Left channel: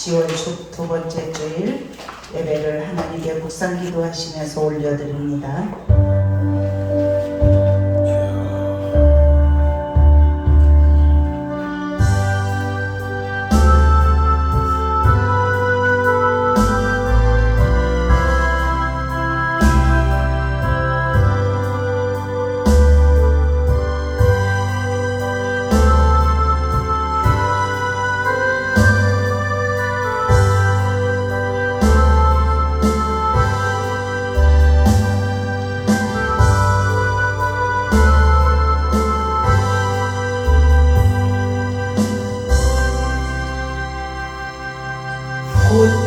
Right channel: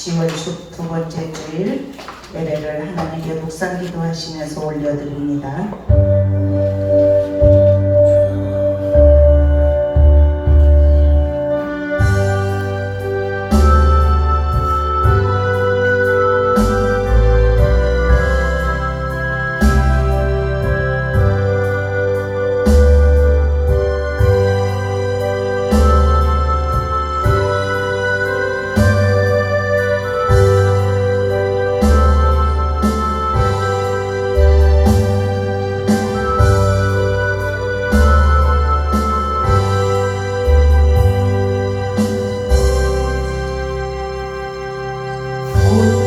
10월 두 번째 주일 예배를 하나님께 묵상 기도하시면서 올려드립니다.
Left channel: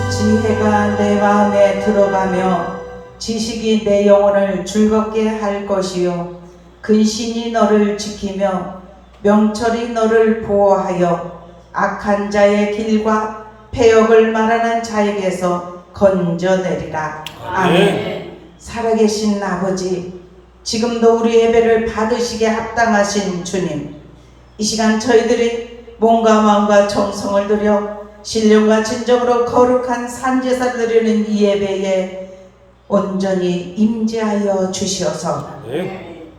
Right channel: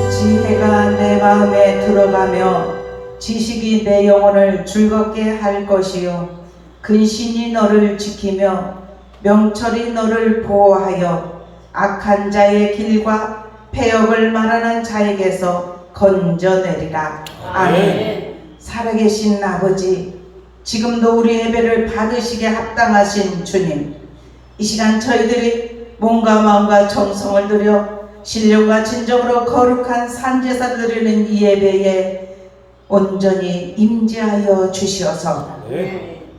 지혜가 내 마음에 들어가며 지식이 내 영혼을 즐겁게 할 것이요 근신이 너를 지키며 명철이 너를 보호하여 악한 자의 길과 패역을 말하는 자에게서 건져내리라. 아멘. 살아계신 아버지, 지금도 우리 예배를 받으시게 합당하신 주님, 이 시간 저희들이 몸과 마음과 정성을 들여 신령과 진정으로 거룩한 산제사 드리는 이 예배에 온전히 임재하여 주시어서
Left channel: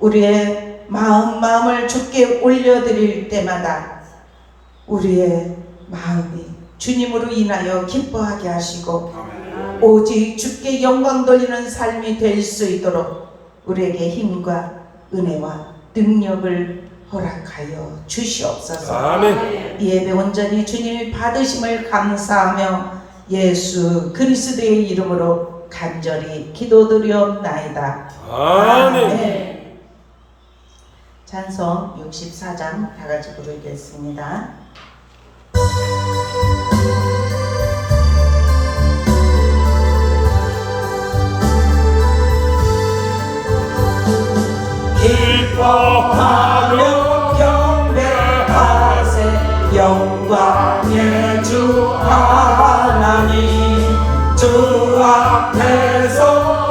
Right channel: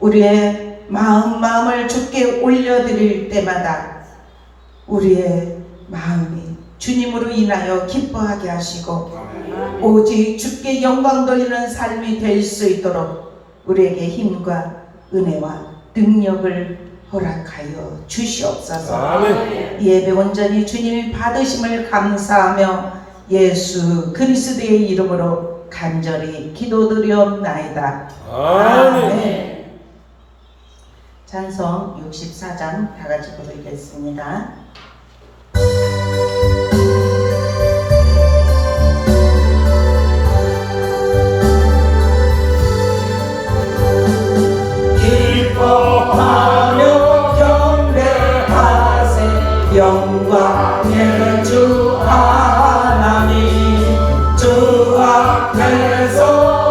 우리의 마음을 주께 올려드릴 때마다 우리의 마음이 주님으로 인하여 기뻐하게 하시고 오직 주께 영광 돌리는 삶이 될 수 있도록 우리에게 힘과 은혜와 능력을 허락하여 주시옵소서. 아멘. 예배 온전히 주님이 받으심을 감사하며 예수 그리스도의 이름으로 간절히 기도드리옵나이다. 아멘. 찬송 64장 다 같이 부르겠습니다. 기뻐하며 경배하세 영광의 주 하나님, 주 앞에서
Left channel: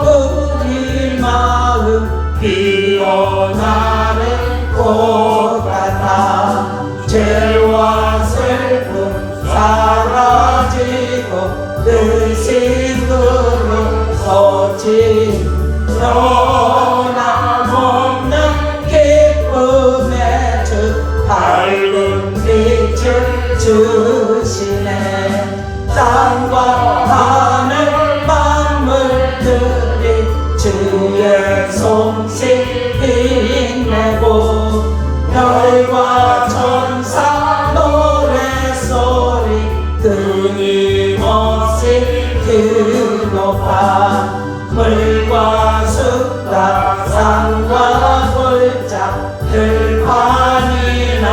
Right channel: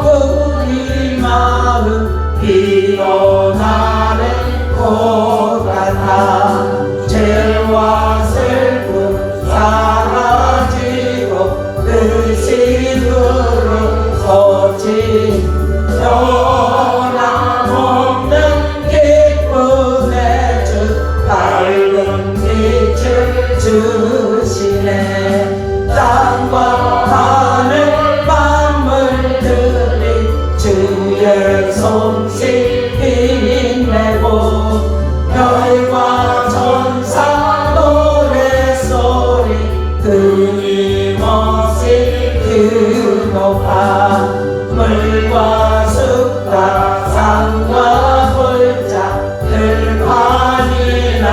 우리 마음 피어나는 것 같아 죄와 슬픔 사라지고 의식으로 서지 밝은 빛을 주시네. 땅과 하늘 만물들이 주의 손길 힘내고 별과 천사 노래소리 끊임없이 드높아 물과 숲과 산과 골짜 들판이나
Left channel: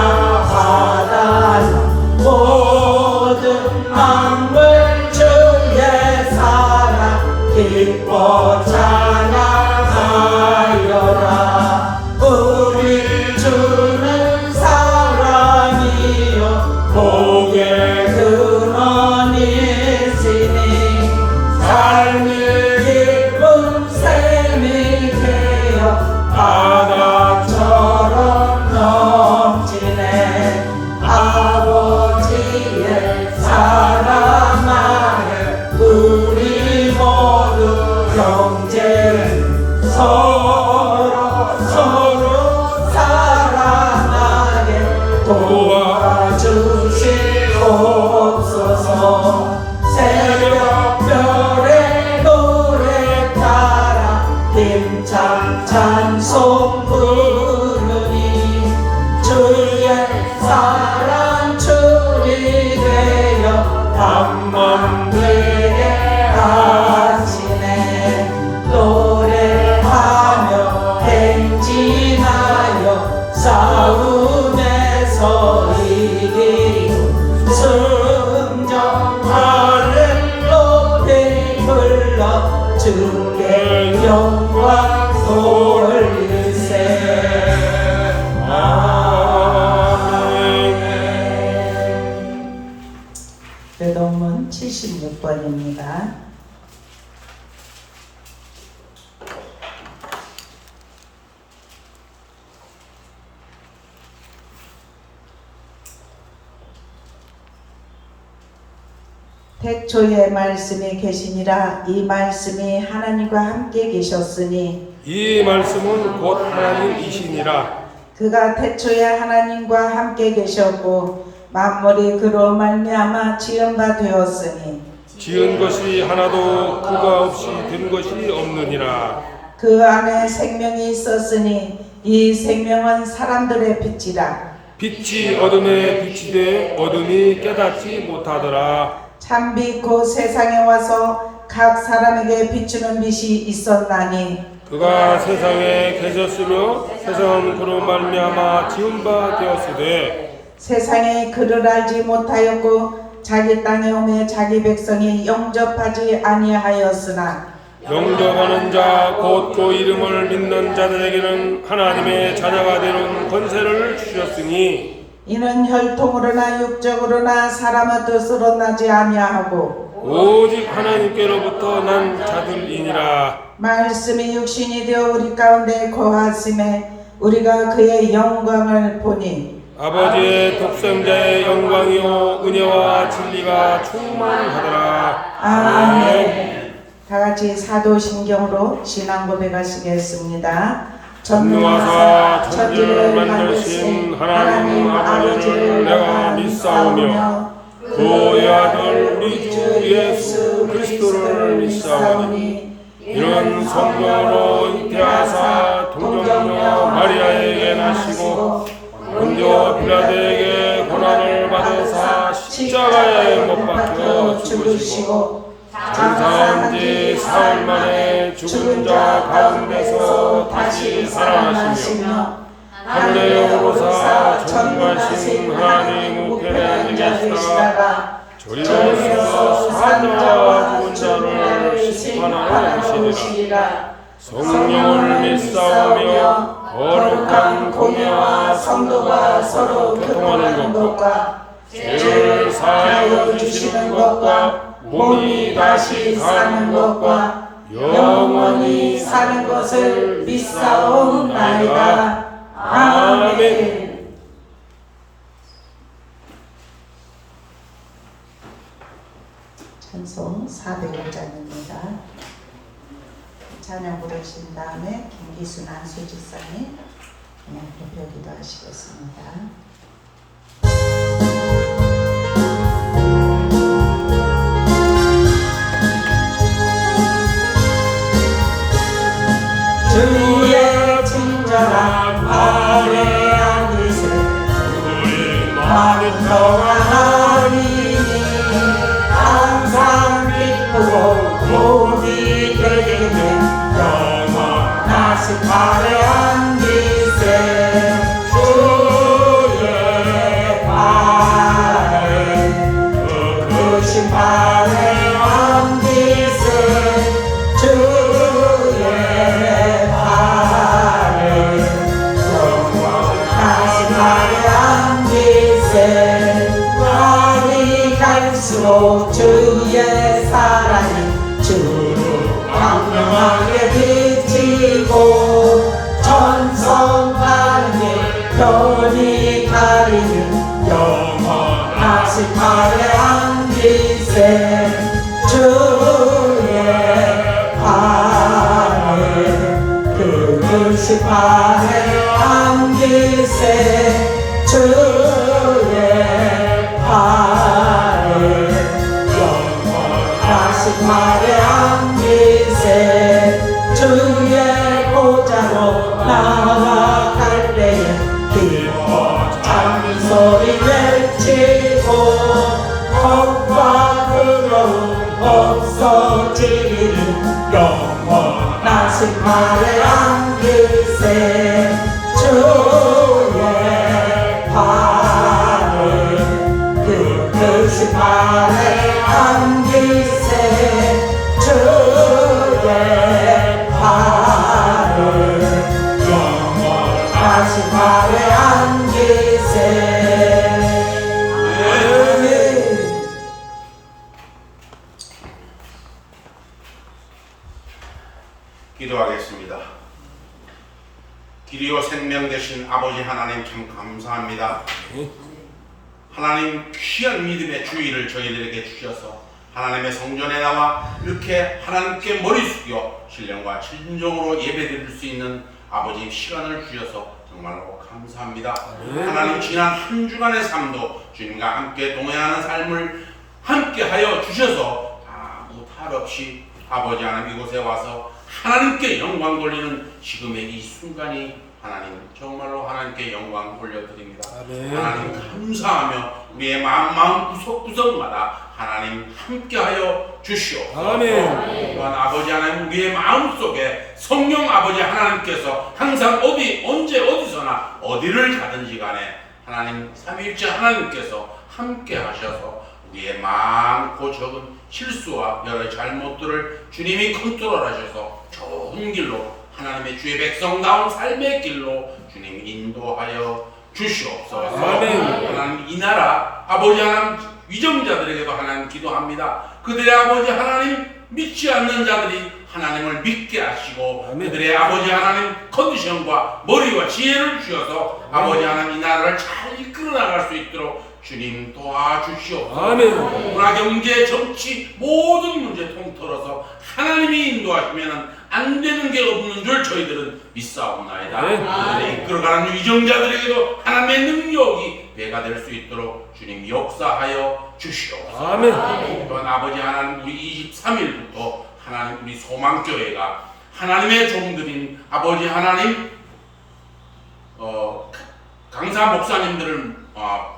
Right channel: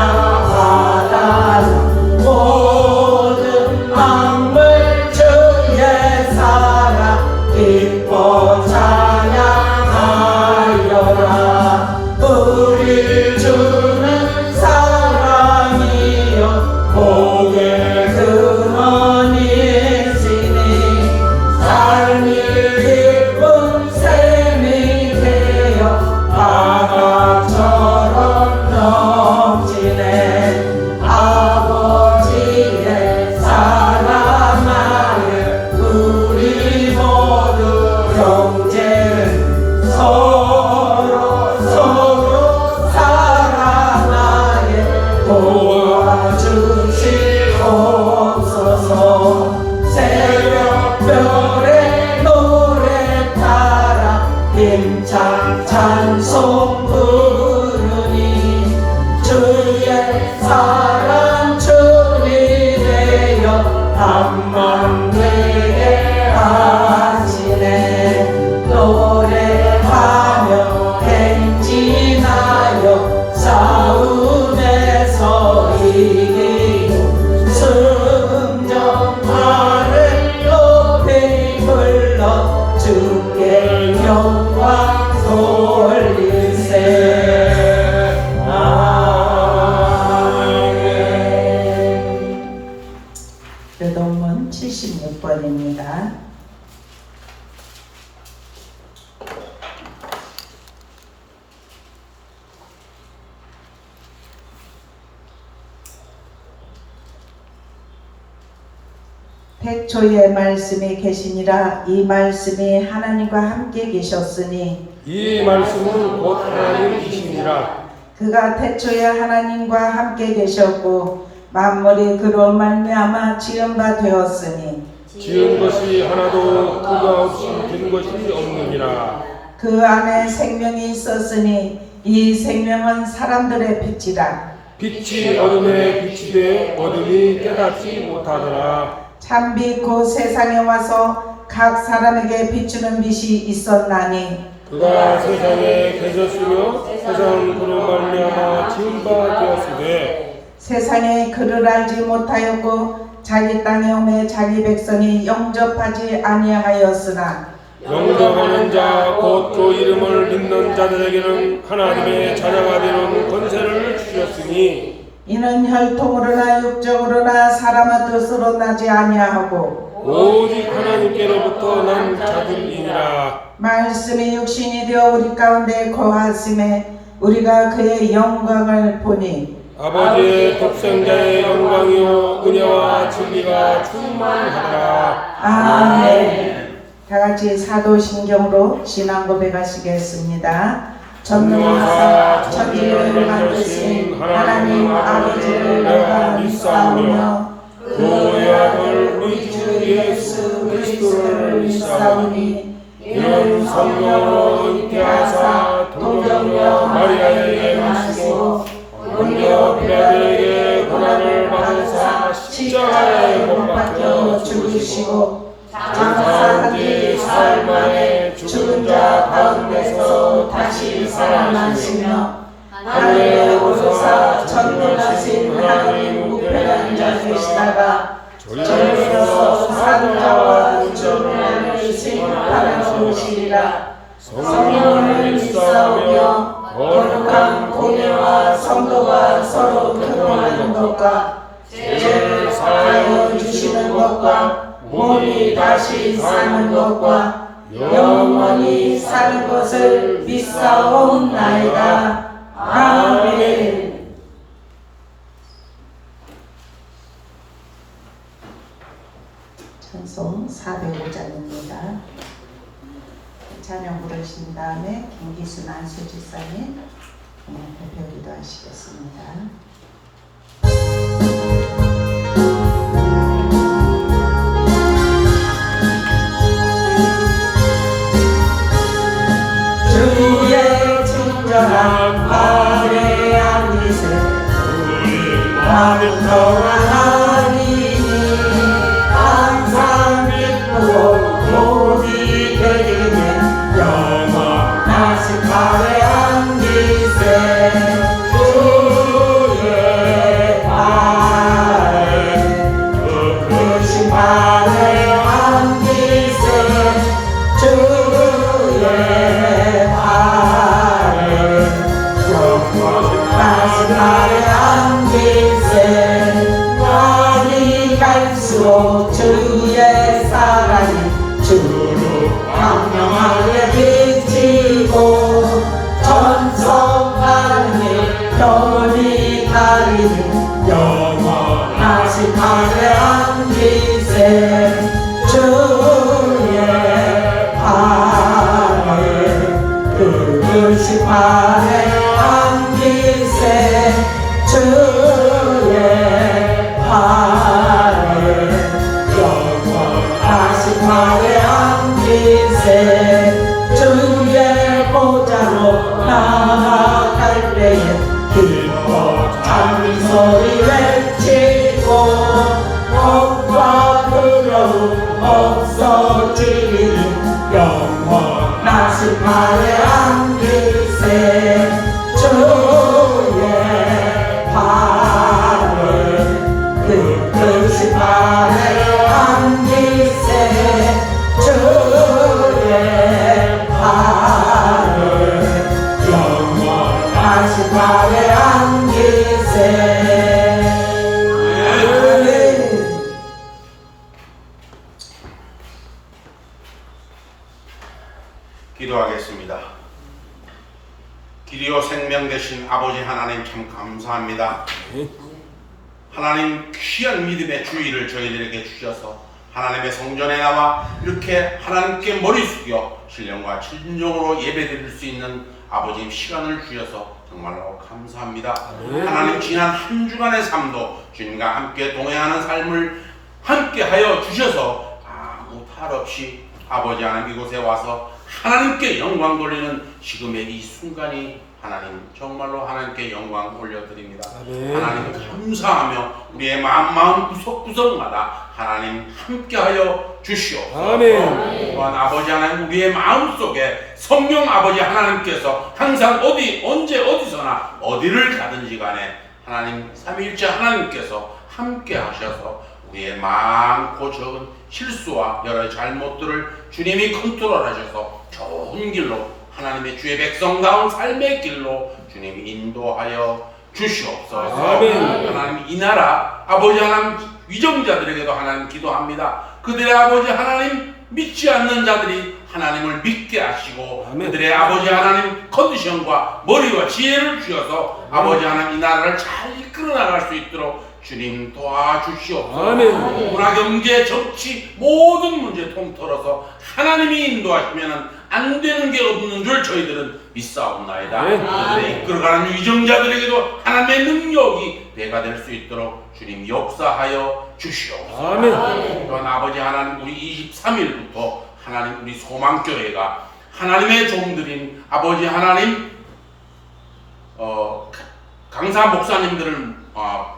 바다나 모든 만물 주의 사랑 기뻐 찬양하여라. 우리 주는 사랑이요 복의 근원이시니 삶이 기쁜 샘이 되어 바다처럼 넘치네. 아버지의 사랑하에 우리 모두 형제는 서로 사랑하게 도와주시옵소서. 새벽별의 노래 따라 힘찬 찬송 부르니 주의 사랑 줄이 되어 한만 되게 하시네. 노래하며 행진하여 싸움에서 이기고 승전파를 높이 불러 주께 영광 돌리세. 르동문 76번입니다. 태초에 말씀이 계시니라. 이 말씀이 하나님과 함께 계셨으니 이 말씀은 곧 하나님이시니라. 그가 태초에 하나님과 함께 계셨고 만물이 그로 말미암아 지은 바 되었으니 지은 것이 하나도 그가 없이 된 것이 없느니라. 그 안에 생명이 있었으니 이 생명은 사람들의 빛이라. 빛이 어둠에 비치되 어둠이 깨닫지 못하더라. 참빛 곧 세상에 와서 각 사람에게 비추는 빛이 있었나니 그가 세상에 계셨으며 세상은 그로 말미암아 지은 바 되었으되 세상에 그를 알지 못하였고 자기 땅에 오매 자기 백성이 영접하지 아니하였으나 영접하는 자 곧 그 이름을 믿는 자들에게는 하나님의 자녀가 되는 권세를 주셨으니 이는 혈통으로나 육적으로나 사람의 뜻으로 나지 아니하고 오직 하나님께로부터 난 자들이니라. 말씀이 육신이 되어 우리 가운데 거하심에 우리가 그의 영광을 보니 아버지의 독생자의 영광이요 은혜와 진리가 충만하더라. 아멘. 다 같이 사도신경으로 신앙 고백하시겠습니다. 전능하사 천지를 만드신 하나님 아버지를 내가 믿사오며 그 아들 우리 주 예수 그리스도를 믿사오니 이는 성령으로 잉태하사 동정녀 마리아에게 나시고 본교 빌라도에게 고난을 받으사 십자가에 못 박혀 죽으시고 장사한 지 사흘 만에 죽은 자 가운데서 다시 살아나시며 하늘에 오르사 전능하신 하나님 우편에 계시다가 저희로서 사자와 죽은 자를 심판하러 오시리라. 성령을 믿사오며 거룩한 공예와 성도가 서로 교통하는 것과 죄를 사하여 주시는 것과 몸이 다시 사는 것과 영원히 사는 것을 믿사옵나이다. 아멘. 찬송 405장입니다. 찬양 부르신 다음에 김기순 안수지사님 대표 기도하시겠습니다. 주의 친절한 발에 앉으세 우리 마음이 평안하니 항상 기쁘고 복이 되겠네. 영원하신 발에 앉으세 주의 발에 그 크신 발에 앉으세 주의 주의 사랑이 주로 광명하게 비치고 전성하는 일 편히 가리는 영원하신 발에 앉으세 주의 발을 그 크신 발에 앉으세 주의 발을 영원하신 발에 앉으세 주의 보좌로 나아갈 때에 기뻐 작은 소리 외치고 겁과 두려움 없어지리니 영원하신 발에 앉으세 주의 발을 그 크신 발에 앉으세 주의 발을 영원하신 발에 앉으세. 기도하겠습니다. 길이요 생명 되신 아버지 하나님 참 감사합니다. 하나님 귀한 믿음의 주의를 저희들에게 주셔서 하나님의 성전에 나와 이렇게 하나님께 머리 숙여 신령과 진정으로 예배드릴 수 있는 아버지님 시간을 주셔서 정말로 감사합니다. 하나님 지난 한 주간의 삶도 주님과 함께 동행하는 삶을 함께하여 주셔서 아무 탈 없이 아버지 하나님 이곳에 와서 하나님께 영광 돌리는 지금의 이 순간이 하나님 정말로 하나님께 영광 올려드립니다. 하나님 감사하며 우리의 마음 구석구석마다 하나님 함께하여 주시옵소서. 또한 아버지 하나님 우리의 마음속에 성령 아버지 하나님께서 항상 언제 어디서나 어디를 가든지 간에 하나님 삼위일체 하나님께서 함께하셔서 우리의 많고 적은 실수와 여러 잘못들을 주님이 컨트롤하셔서 좋은 길로 하나님의 주의 백성다운 삶의 길로 주님이 인도하여 주시옵소서. 하나님 이 나라 아버지 하나님 위정자들에게도 하나님 기도합니다. 그들의 아버지 하나님 믿지 않는 자들이 하나님을 믿게 하시고 그들의 아버지 하나님 컨디션과 머리와 지혜를 주셔서 아버지 하나님 이 나라를 잘 이끌어 나갈 수 있도록 주님 도와주시옵소서. 문화, 경제, 정치 모든 문제 통틀어서 하나님이 인도하시면 안 되는 게 없는 줄 저희들은 믿사옵나이다. 그들의 이끌어가는 위정자들에게도 하나님의 능력이 배가 될 수 있도록 주님 역사하여 주시옵소서. 또한 아버지 하나님 우리 23일부터 하나님 우리 소망교회가 하나님의 종들인 아버지 하나님 강사 목사님들을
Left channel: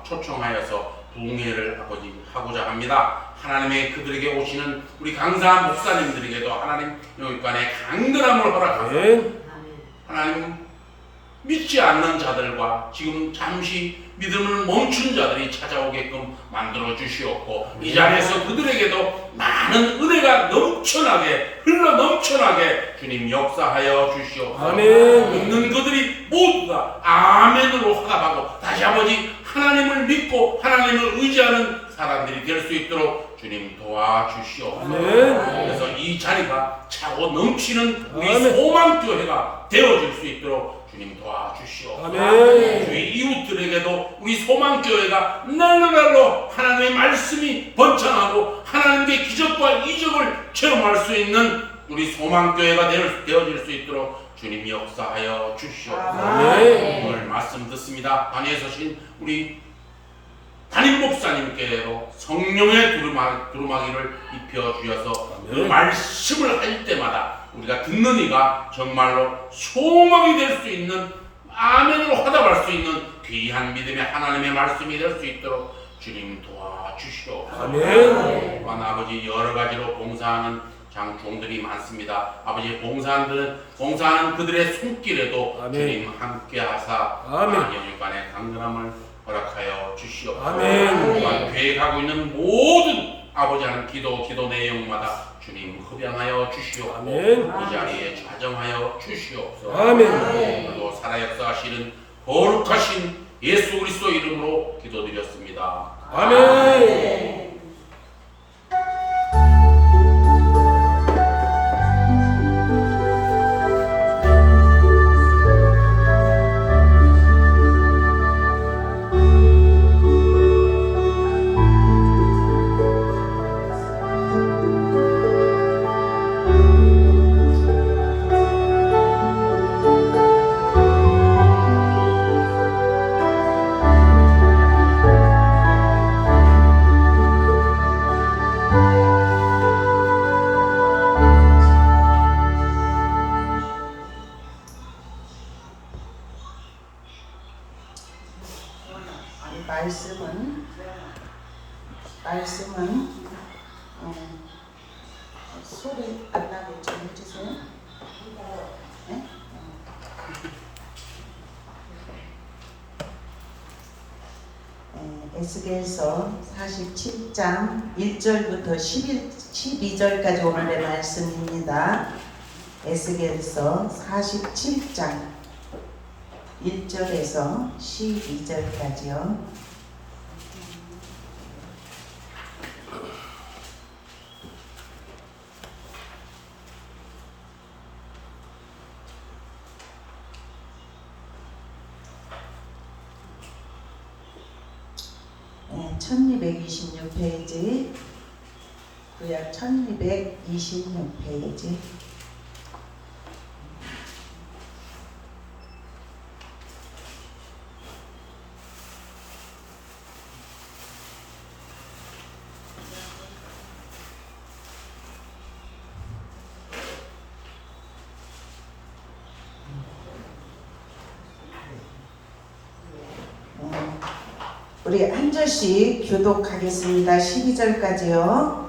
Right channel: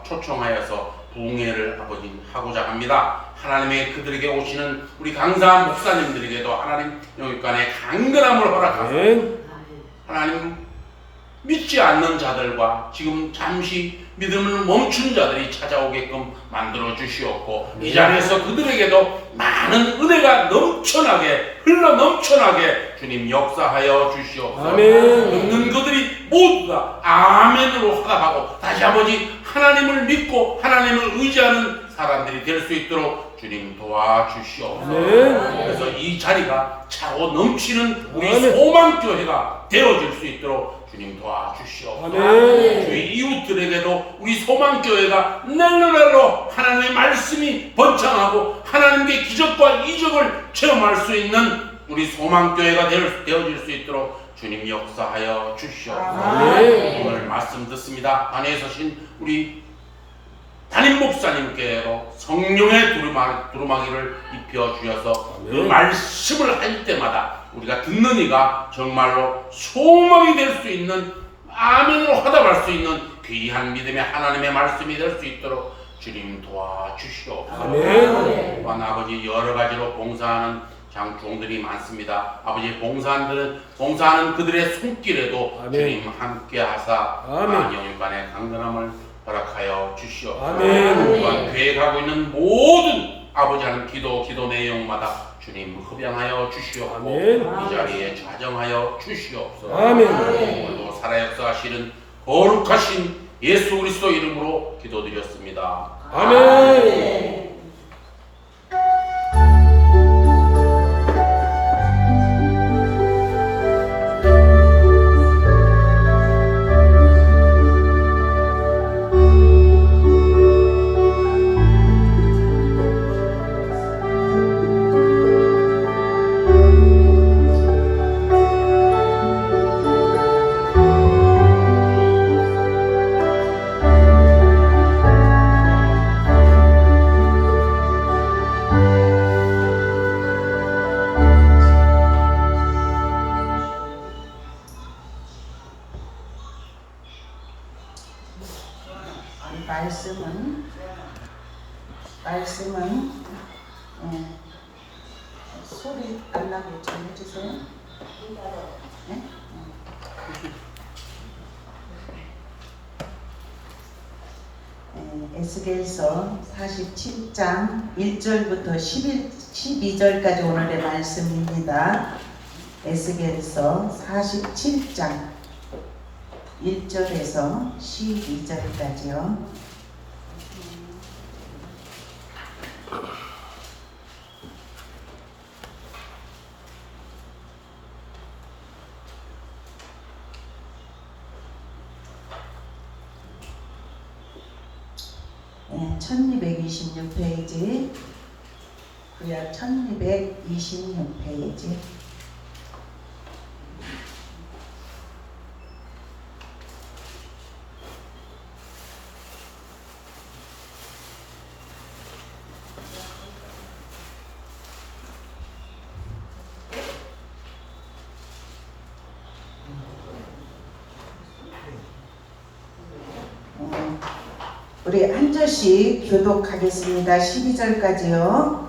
초청하여서 부흥회를 아버지 하고자 합니다. 하나님의 그들에게 오시는 우리 강사 목사님들에게도 하나님 영육간의 강건함을 허락하소서. 하나님 믿지 않는 자들과 지금 잠시 믿음을 멈춘 자들이 찾아오게끔 만들어 주시옵고 이 자리에서 그들에게도 많은 은혜가 넘쳐나게 흘러 넘쳐나게 주님 역사하여 주시옵소서. 믿는 그들이 모두 다 아멘으로 화답하고 다시 아버지 하나님을 믿고 하나님을 의지하는 사람들이 될 수 있도록 주님 도와주시옵소서. 그래서 이 자리가 차고 넘치는 우리 소망교회가 되어질 수 있도록 주님 도와주시옵소서. 저희 이웃들에게도 우리 소망교회가 날로날로 하나님의 말씀이 번창하고 하나님의 기적과 이적을 체험할 수 있는 우리 소망교회가 되어질 수 있도록 주님 역사하여 주시옵소서. 오늘 말씀 듣습니다. 단위에 서신 우리 담임 목사님께로 성령의 두루마기를 입혀 주셔서 그 말씀을 할 때마다 우리가 듣는 이가 정말로 소망이 될 수 있는 아멘으로 화답할 수 있는 귀한 믿음의 하나님의 말씀이 될 수 있도록 주님 도와주시옵소서. 또한 아버지 여러 가지로 봉사하는 장종들이 많습니다. 아버지 봉사하는 그들의 손길에도 주님 함께 하사 영육간의 강건함을 허락하여 주시옵소서. 또한 계획하고 있는 모든 아버지 하는 기도 내용마다 주님 흡양하여 주시옵고 이 자리에 좌정하여 주시옵소서. 또 살아 역사하시는 거룩하신 예수 그리스도 이름으로 기도드렸습니다. 아멘. 말씀은 소리 안 나게 좀 해주세요. 네? 에스겔서 47장 1절부터 12절까지 오늘의 말씀입니다. 에스겔서 47장 1절에서 12절까지요. 네, 1226페이지 구약 1226페이지. 우리 한 절씩 교독하겠습니다. 12절까지요.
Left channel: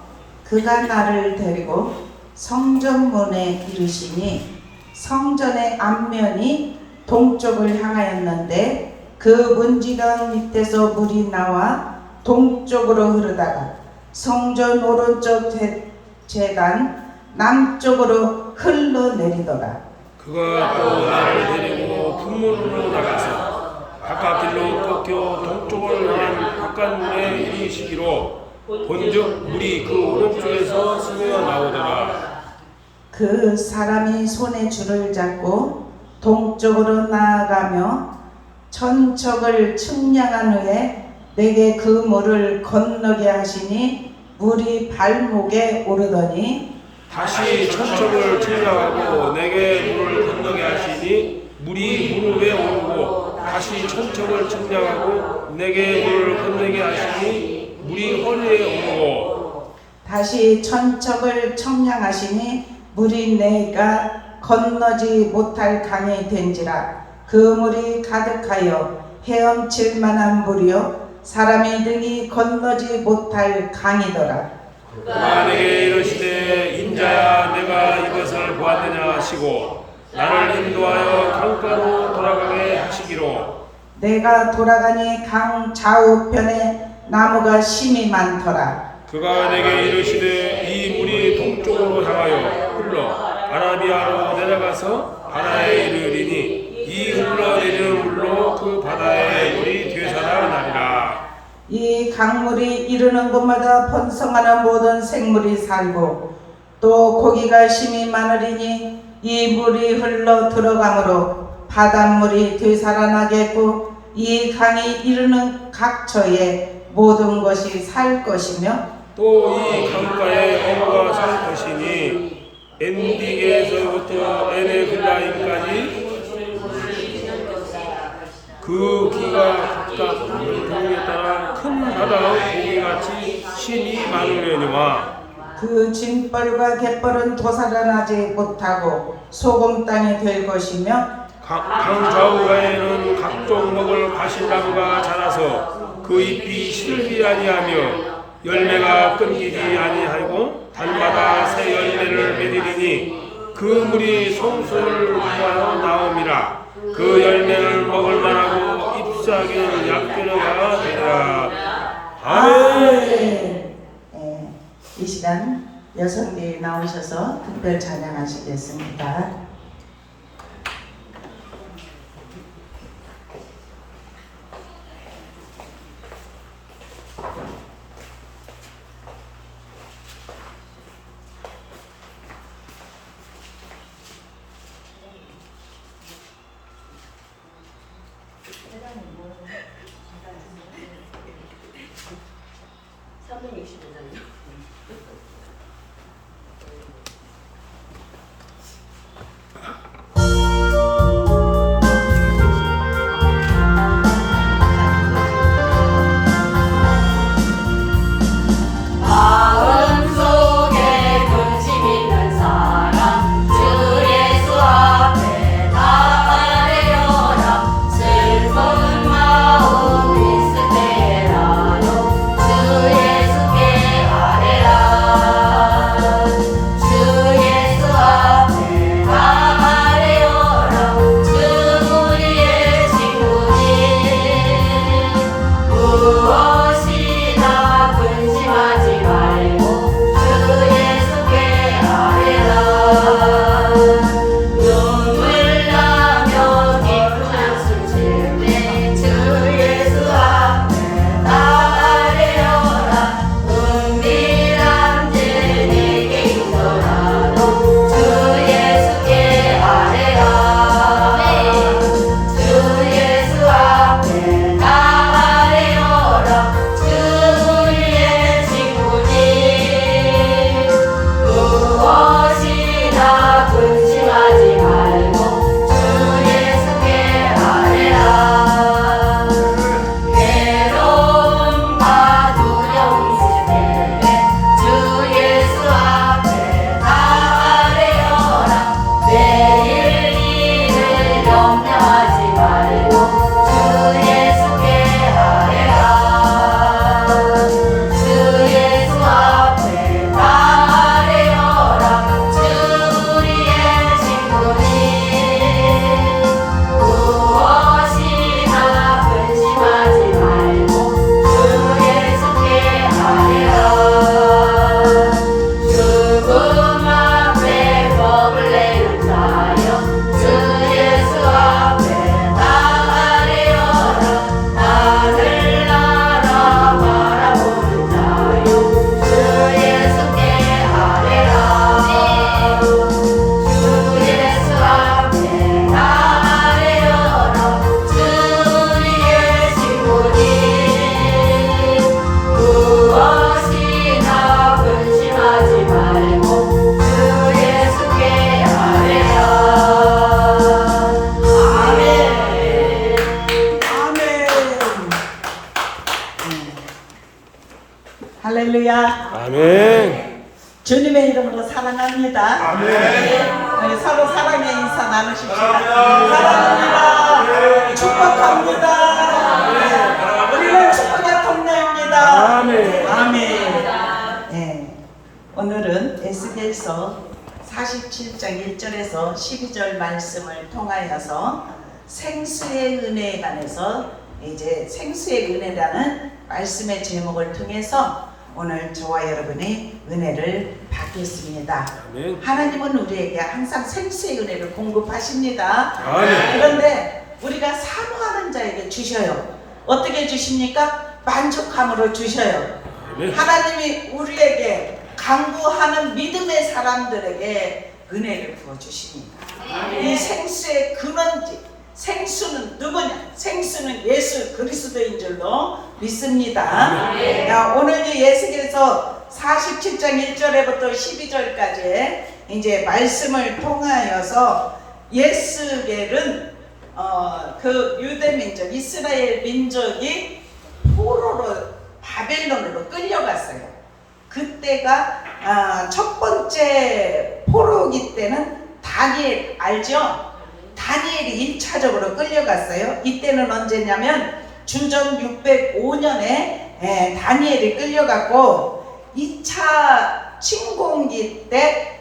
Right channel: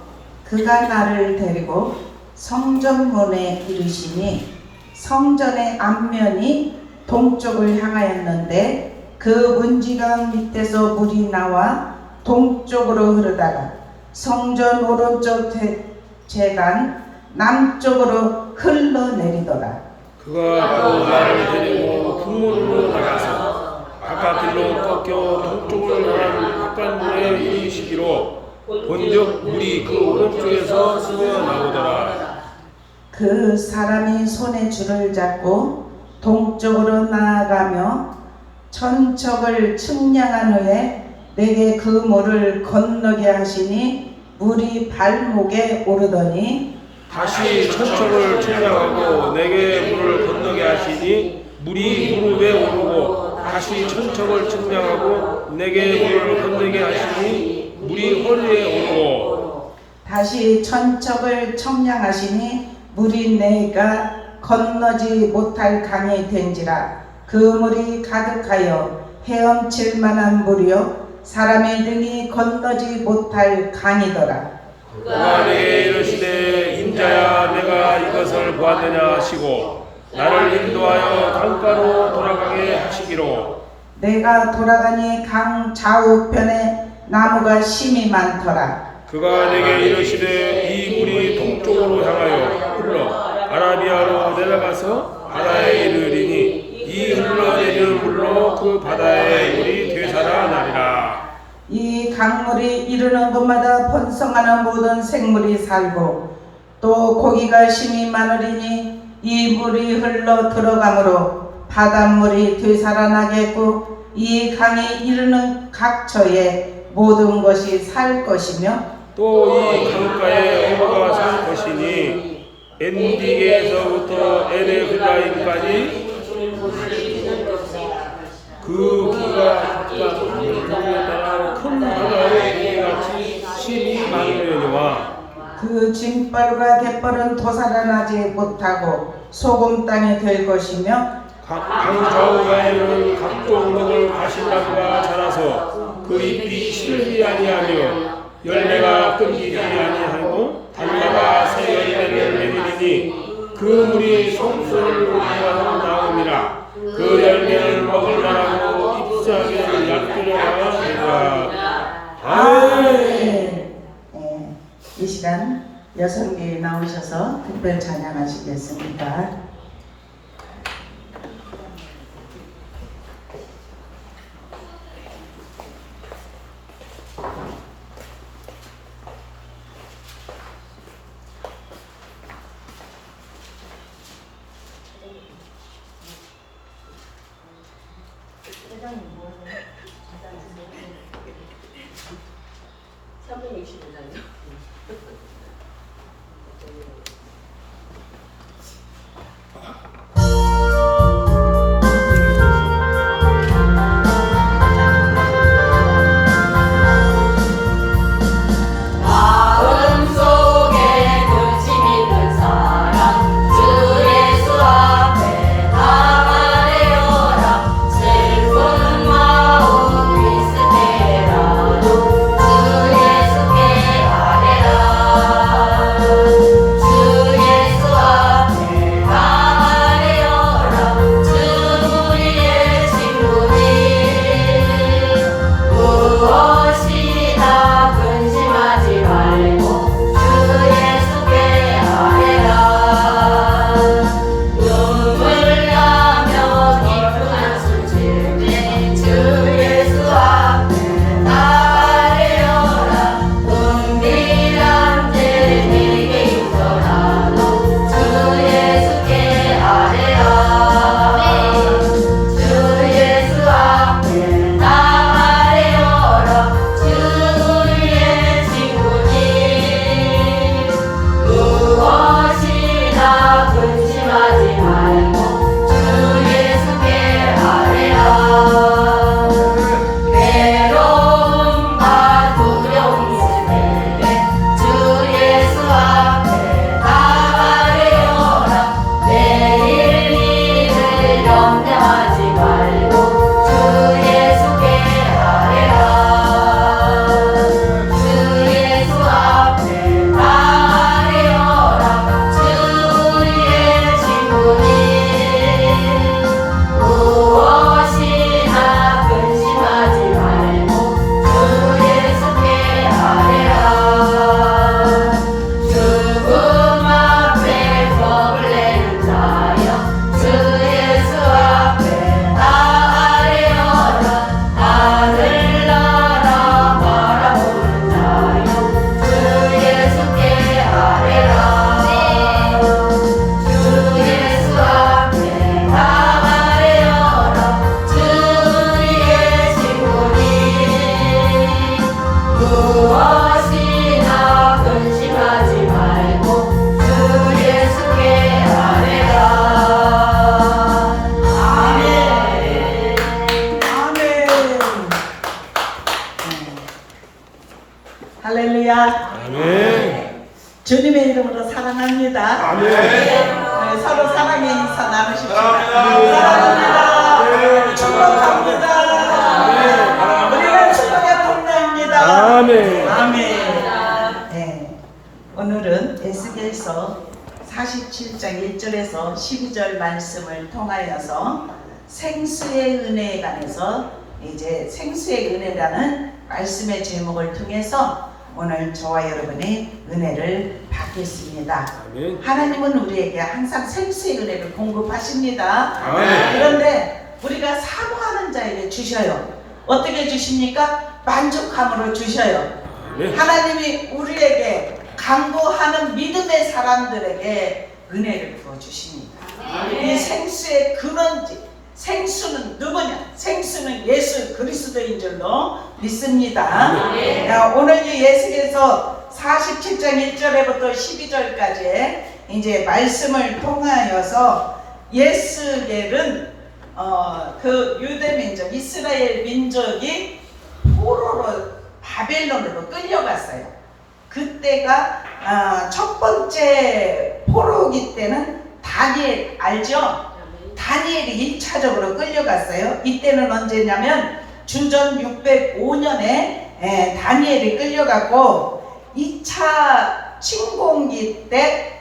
그가 나를 데리고 성전문에 이르시니 성전의 앞면이 동쪽을 향하였는데 그 문지방 밑에서 물이 나와 동쪽으로 흐르다가 성전 오른쪽 제단 남쪽으로 흘러내리더라. 그가 또 나를 데리고 북문으로 나가서 바깥 길로 꺾여 동쪽을 향한 바깥문에 이르시기로 본즉 물이 그 오른쪽에서 스며 나오더라. 그 사람이 손에 줄을 잡고 동쪽으로 나아가며 천척을 측량한 후에 내게 그 물을 건너게 하시니 물이 발목에 오르더니 다시 천척을 측량하고 내게 물을 건너게 하시니 물이 무릎에 오르고 다시 천척을 측량하고 내게 물을 건너게 하시니 물이 허리에 오르고 다시 천척을 측량하시니 물이 내가 건너지 못할 강이 된지라. 그 물이 가득하여 헤엄칠 만한 물이요 사람의 등이 건너지 못할 강이더라. 그가 내게 이르시되 인자야 내가 이것을 보았느냐 하시고 나를 인도하여 강가로 돌아가게 하시기로 내가 돌아가니 강 좌우편에 나무가 심이 많더라. 그가 내게 이르시되 이 물이 동쪽으로 향하여 흘러 아라비아로 내려가서 바다에 이르리니 이 흘러내리는 물로 그 바다의 물이 되살아나리라. 이 강물이 이르는 곳마다 번성하는 모든 생물이 살고 또 고기가 심이 많으리니 이 물이 흘러 들어가므로 바닷물이 되살아나겠고 이 강이 이르는 각처에 모든 것이 살 것이며 또 이 강가에 어부가 살 것이니 엔디게에서부터 에네글라임까지 그 기가 각각 종류에 따라 큰 바다의 고기같이 심이 많으려니와 그 짐벌과 갯벌은 도살아나지 못하고 소금 땅이 될 것이며 강 좌우가에는 각종 먹을 가시나무가 자라서 그 잎이 시들지 아니하며 열매가 끊기지 아니하고 달마다 새 열매를 맺으리니 그 물이 송수를 통하여 나옵니다. 그 열매를 먹을 만하고 잎사귀는 약효가 되리라. 아멘. 이 시간 여성들이 나오셔서 특별 찬양하시겠습니다. 축복합니다. 아멘. 네, 서로 사랑의 인사 나누십시다. 사랑합니다. 사랑합니다. 네. 축복합니다. 우리는 축복의 동네입니다. 아멘. 아멘. 네, 오늘은 에스겔서 47장 1절에서 12절 말씀을 통하여서 생수의 은혜에 관해서 이제 생수의 은혜라는 말씀의 제목을 통해서 오늘 저와 여러분의 은혜를 받겠습니다. 아멘. 하나님은 우리에게 항상 생수의 은혜를 공급하십니다. 아멘. 그런데 우리가 사모하는 자에게 주셔요. 어떻게 주십니까? 만족함으로 주셔요. 아멘. 하나님이 우리에게 간구하는 믿음의 사람들에게 은혜를 부어주십니다. 이 생수의 근원지, 생수는 누구냐? 생수는 예수 그리스도인 줄로 믿습니다. 오늘 이 예수께서 47장 1절에부터 12절까지 이제 말씀을 통하여서 예스겔은 그 유대 민족, 이스라엘 민족이 포로로 바벨론으로 끌려갔어요. 그때가 첫 번째 포로기 때는 다니엘 알죠? 다니엘이 1차적으로 끌려갔어요. 이때는 언제냐면 주전 605년에 다니엘이 끌려갔고 2차 침공기 때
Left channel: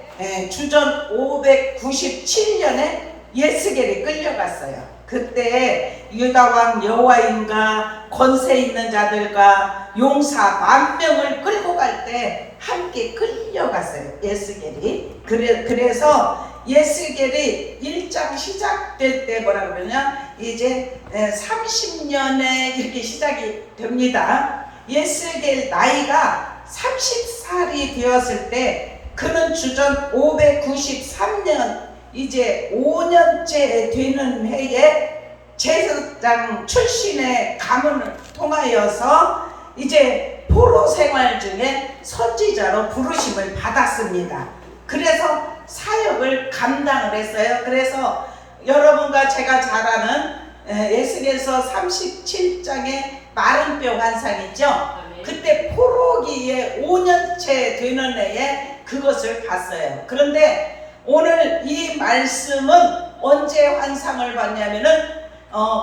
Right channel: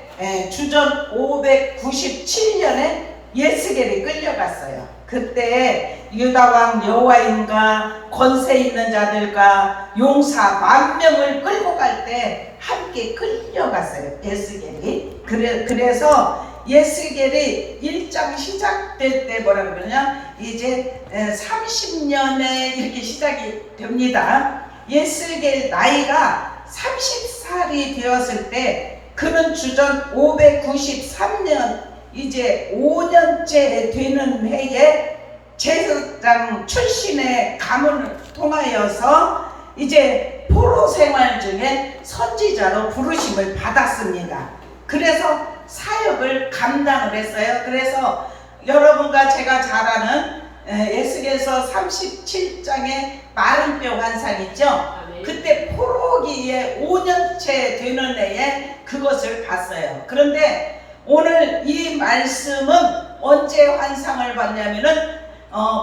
주전 597년에 예스겔이 끌려갔어요. 그때 유다왕 여호와임과 권세 있는 자들과 용사 10,000명을 끌고 갈 때 함께 끌려갔어요. 예스겔이. 그래서 예스겔이 1장 시작될 때 뭐라 그러냐, 이제 30년에 이렇게 시작이 됩니다. 예스겔 나이가 30살이 되었을 때 그는 주전 593년 이제 5년째 되는 해에 제사장 출신의 가문을 통하여서 이제 포로 생활 중에 선지자로 부르심을 받았습니다. 그래서 사역을 감당을 했어요. 그래서 여러분과 제가 잘 아는 에스겔서 37장의 마른 뼈 환상 있죠? 그때 포로기에 5년째 되는 해에 그것을 봤어요. 그런데 오늘 이 말씀은 언제 환상을 봤냐면은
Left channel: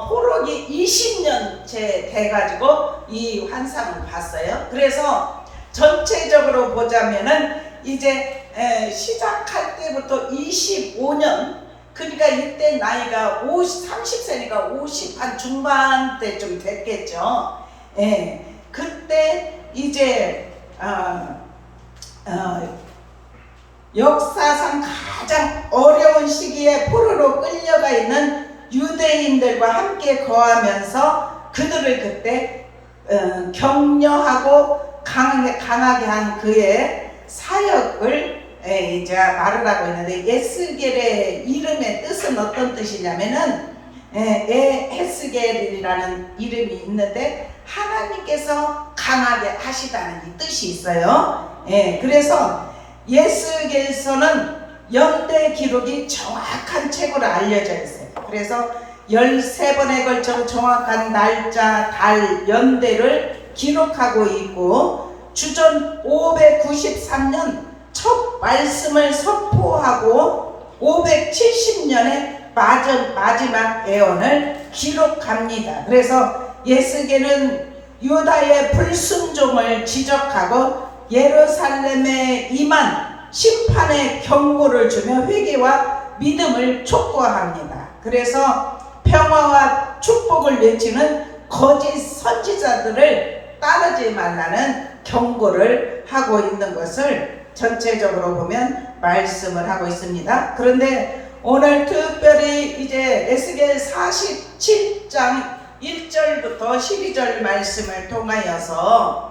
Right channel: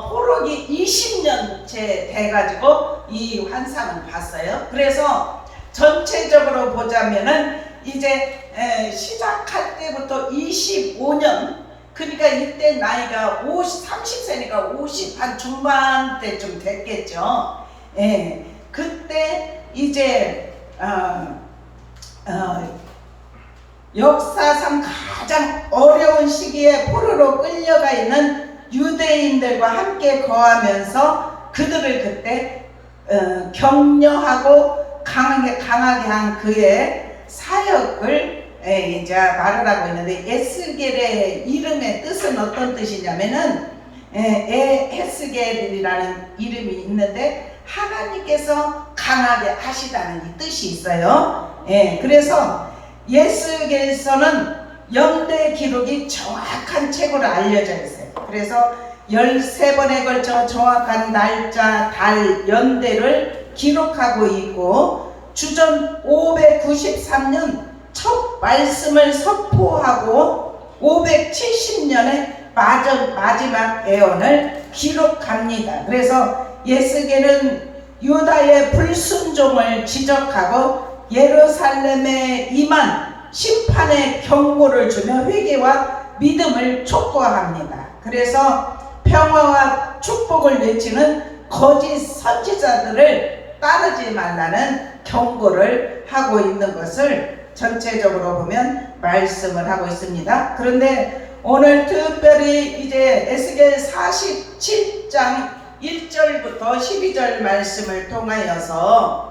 포로기 20년째 돼가지고 이 환상을 봤어요. 그래서 전체적으로 보자면은 이제 시작할 때부터 25년, 그러니까 이때 나이가 30세니까 50 한 중반 때쯤 됐겠죠. 그때 이제 역사상 가장 어려운 시기에 포로로 끌려가 있는 유대인들과 함께 거하면서 그들을 그때 격려하고 강하게 한 그의 사역을 이제 말을 하고 있는데, 에스겔의 이름의 뜻은 어떤 뜻이냐면은 에스겔이라는 이름이 있는데 하나님께서 강하게 하시다는 이 뜻이 있어요. 그래서 예스겔서는 연대 기록이 정확한 책으로 알려져 있어요. 그래서 13번에 걸쳐 정확한 날짜, 달, 연대를 기록하고 있고, 주전 593년 첫 말씀을 선포하고 570년에 마지막 애언을 기록합니다. 그래서 예스겔은 유다의 불순종을 지적하고 예루살렘에 임한 심판의 경고를 주며 회개와 믿음을 촉구합니다. 그래서 평화와 축복을 외치는 거짓 선지자들을 따르지 말라는 경고를 하고 있는 것을 전체적으로 보면 말씀을 하고 있습니다. 그런데 오늘 특별히 이제 에스겔 47장 1절부터 12절 말씀을 통하여서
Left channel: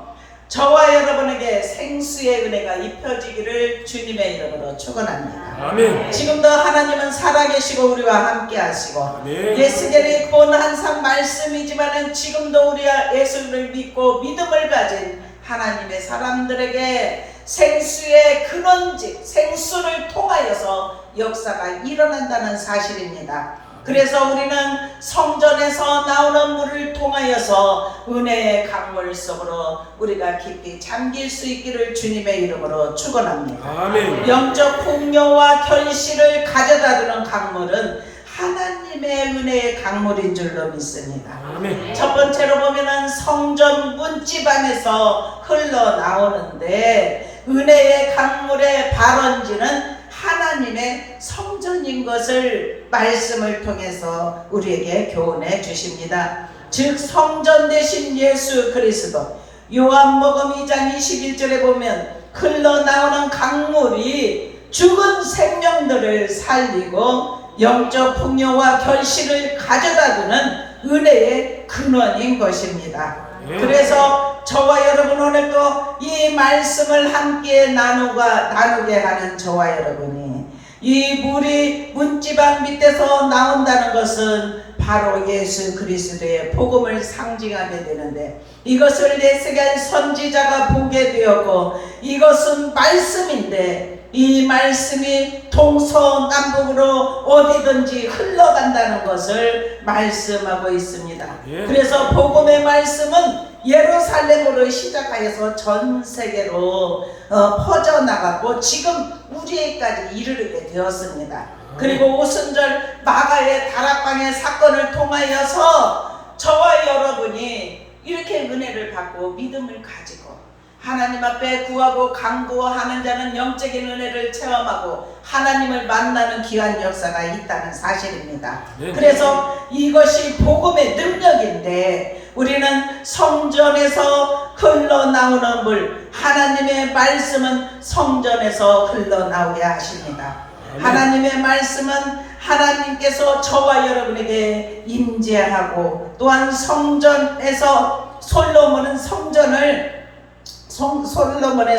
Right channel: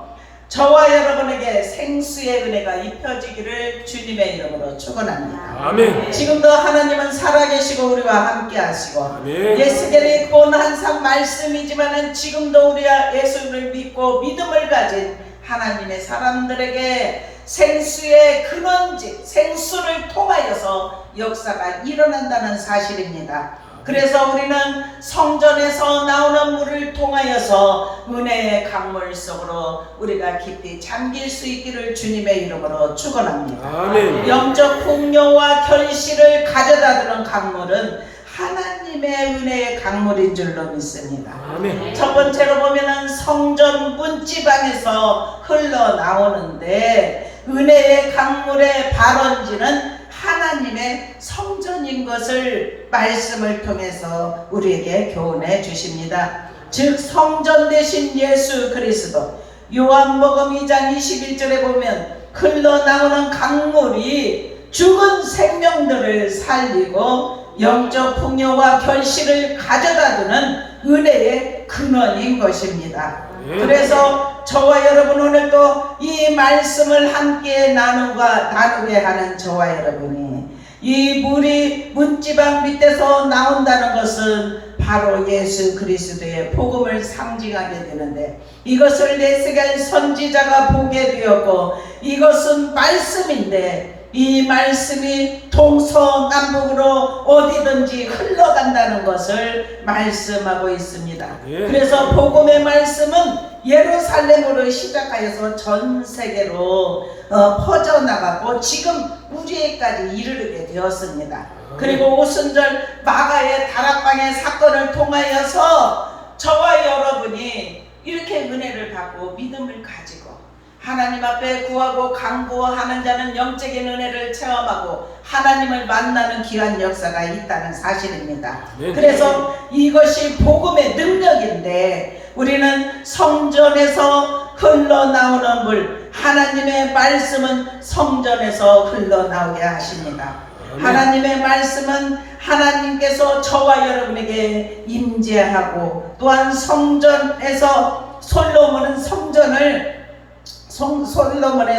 저와 여러분에게 생수의 은혜가 입혀지기를 주님의 이름으로 축원합니다. 아멘. 지금도 하나님은 살아계시고 우리와 함께 하시고, 아멘. 예수님의 본 항상 말씀이지만은 지금도 우리가 예수를 믿고 믿음을 가진 하나님의 사람들에게 생수의 근원지, 생수를 통하여서 역사가 일어난다는 사실입니다. 그래서 우리는 성전에서 나오는 물을 통하여서 은혜의 강물 속으로 우리가 깊이 잠길 수 있기를 주님의 이름으로 축원합니다. 아멘. 영적 풍요와 결실을 가져다 주는 강물은 하나님의 은혜의 강물인 줄로 믿습니다. 아멘. 첫 번째로 보면은 성전 문지방에서 흘러나오는데 은혜의 강물의 발원지는 하나님의 성전인 것을 말씀을 통해서 우리에게 교훈해 주십니다. 즉 성전 되신 예수 그리스도, 요한복음 2장 21절에 보면 흘러나오는 강물이 죽은 생명들을 살리고 영적 풍요와 결실을 가져다주는 은혜의 근원인 것입니다. 그래서 저와 여러분 오늘도 이 말씀을 함께 나누게 하는 저와 여러분이 이 물이 문지방 밑에서 나온다는 것은 바로 예수 그리스도의 복음을 상징하게 되는데, 이것을 내세계 선지자가 보게 되었고 이것은 말씀인데 이 말씀이 동서남북으로 어디든지 흘러간다는 것을 말씀하고 있습니다. 그래서 복음의 말씀은 예루살렘으로 시작하여서 전 세계로 퍼져나갔고 지금 우리에까지 이르게 되었습니다. 그리고 오순절 마가의 다락방의 사건을 통하여서 저와 여러분이 이렇게 은혜를 받고 믿음을 가지고 하나님 앞에 구하고 간구하는 자는 영적인 은혜를 체험하고 하나님을 만나는 귀한 역사가 있다는 사실입니다. 그래서 이것이 복음의 능력인데 우리는 성전에서 흘러나오는 물, 하나님의 말씀은 성전에서 흘러나오게 하십니다. 하나님의 말씀은 하나님께서 저와 여러분에게 임재하고 또한 성전에서 솔로몬의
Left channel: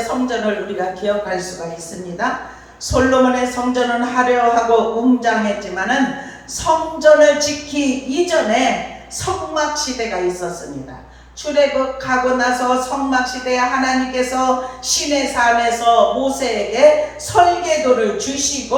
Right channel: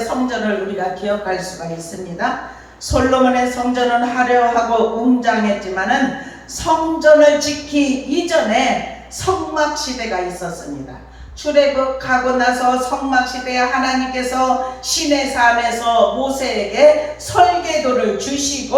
성전을 우리가 기억할 수가 있습니다. 솔로몬의 성전은 화려하고 웅장했지만은 성전을 짓기 이전에 성막시대가 있었습니다. 출애굽하고 나서 성막시대에 하나님께서 시내산에서 모세에게 설계도를 주시고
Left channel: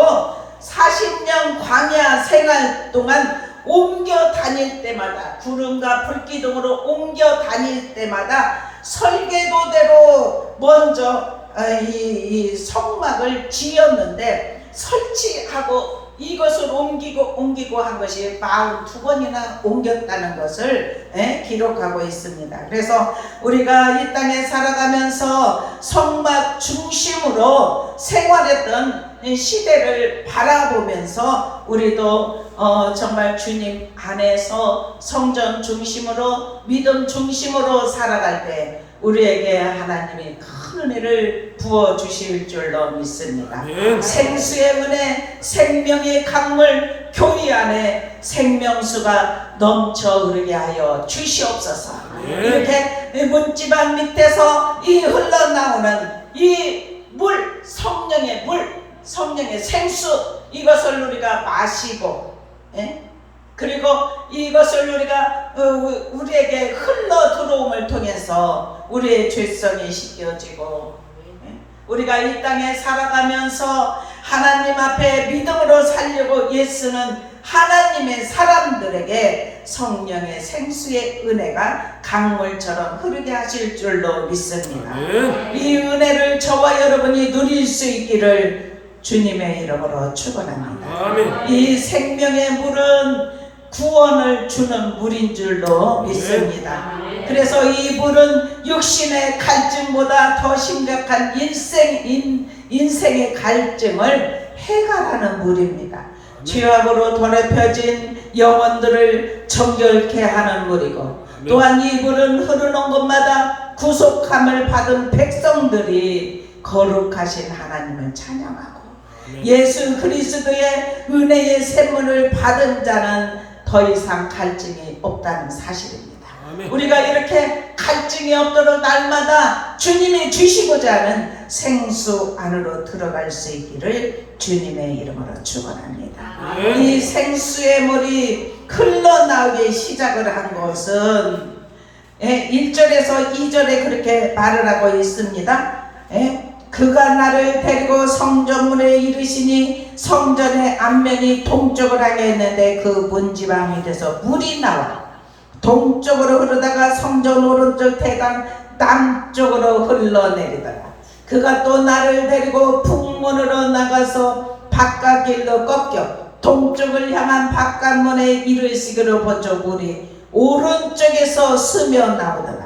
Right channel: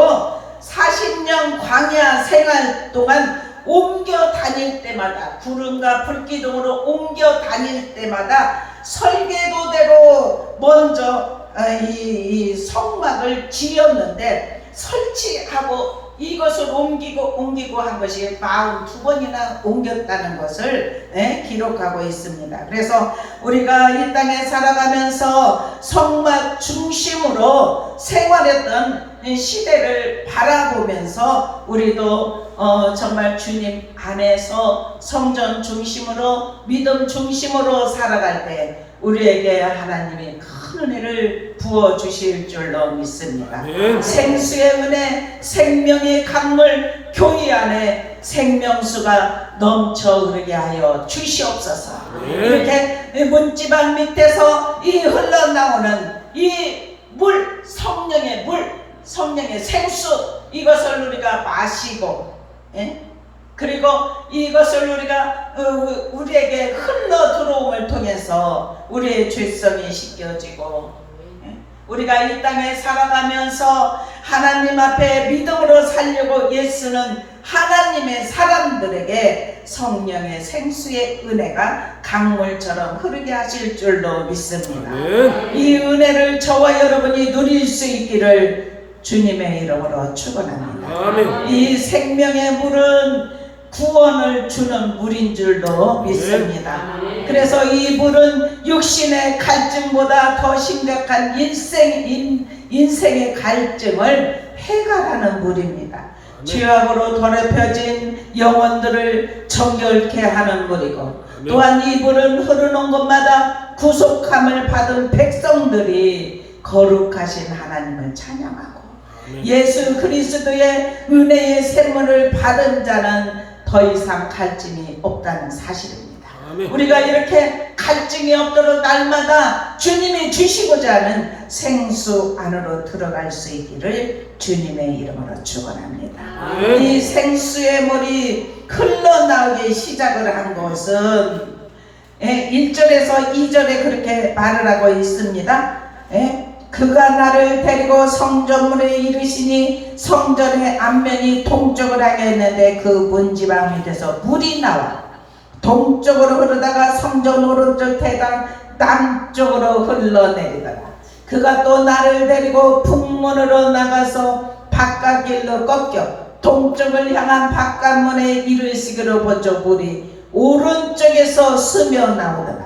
40년 광야 생활 동안 옮겨 다닐 때마다 구름과 불기둥으로 옮겨 다닐 때마다 설계도대로 먼저 이 성막을 지었는데 설치하고 이것을 옮기고 한 것이 42번이나 옮겼다는 것을 기록하고 있습니다. 그래서 우리가 이 땅에 살아가면서 성막 중심으로 생활했던 시대를 바라보면서 우리도 정말 주님 안에서 성전 중심으로 믿음 중심으로 살아갈 때 우리에게 하나님이 큰 은혜를 부어주실 줄로 믿습니다. 아멘. 생수의 은혜, 생명의 강물, 교회 안에 생명수가 넘쳐 흐르게 하여 주시옵소서. 이렇게 문지방 밑에서 이 흘러나오는 이 물, 성령의 물, 성령의 생수, 이것을 우리가 마시고 그리고 이것을 우리가 우리에게 흘러 들어옴을 통해서 우리의 죄성이 씻겨지고 우리가 이 땅에 살아가면서 하나님 앞에 믿음으로 살려고 애쓰는 하나님의 사람들에게 성령의 생수의 은혜가 강물처럼 흐르게 하실 줄로 믿습니다. 이 은혜를 저와 여러분이 누릴 수 있기를 주님의 이름으로 축원합니다. 아멘. 이 생명의 물은 구원을 주는 물인 줄로 믿습니다. 그래서 이 물은 육신의 갈증보다 더 심각한 인생의 갈증을 해결하는 물입니다. 죄악으로 더럽혀진 영혼들을 정결케 하는 물이고 또한 이 물은 흐르는 곳마다 구속함을 받은 백성들이 거룩하신 하나님을 찬양하고 예수 그리스도의 은혜의 샘물을 받은 자는 더 이상 갈증이 없다는 사실입니다. 우리가 이렇게 갈증이 없도록 날마다 주님이 주시고자 하는 생수 안으로 들어갈 수 있기를 주님의 이름으로 축원합니다. 이 생수의 물이 흘러나오기 시작을 한 것은 1절에서 2절에 그렇게 말을 하고 있습니다. 그가 나를 데리고 성전문에 이르시니 성전의 앞면이 동쪽을 향해 있는데 그 문지방 밑에서 물이 나와 동쪽으로 흐르다가 성전 오른쪽 대당 남쪽으로 흘러내리더라. 그가 또 나를 데리고 북문으로 나가서 바깥길로 꺾여 동쪽을 향한 바깥문에 이르시기로 보죠. 물이 오른쪽에서 스며 나오더라.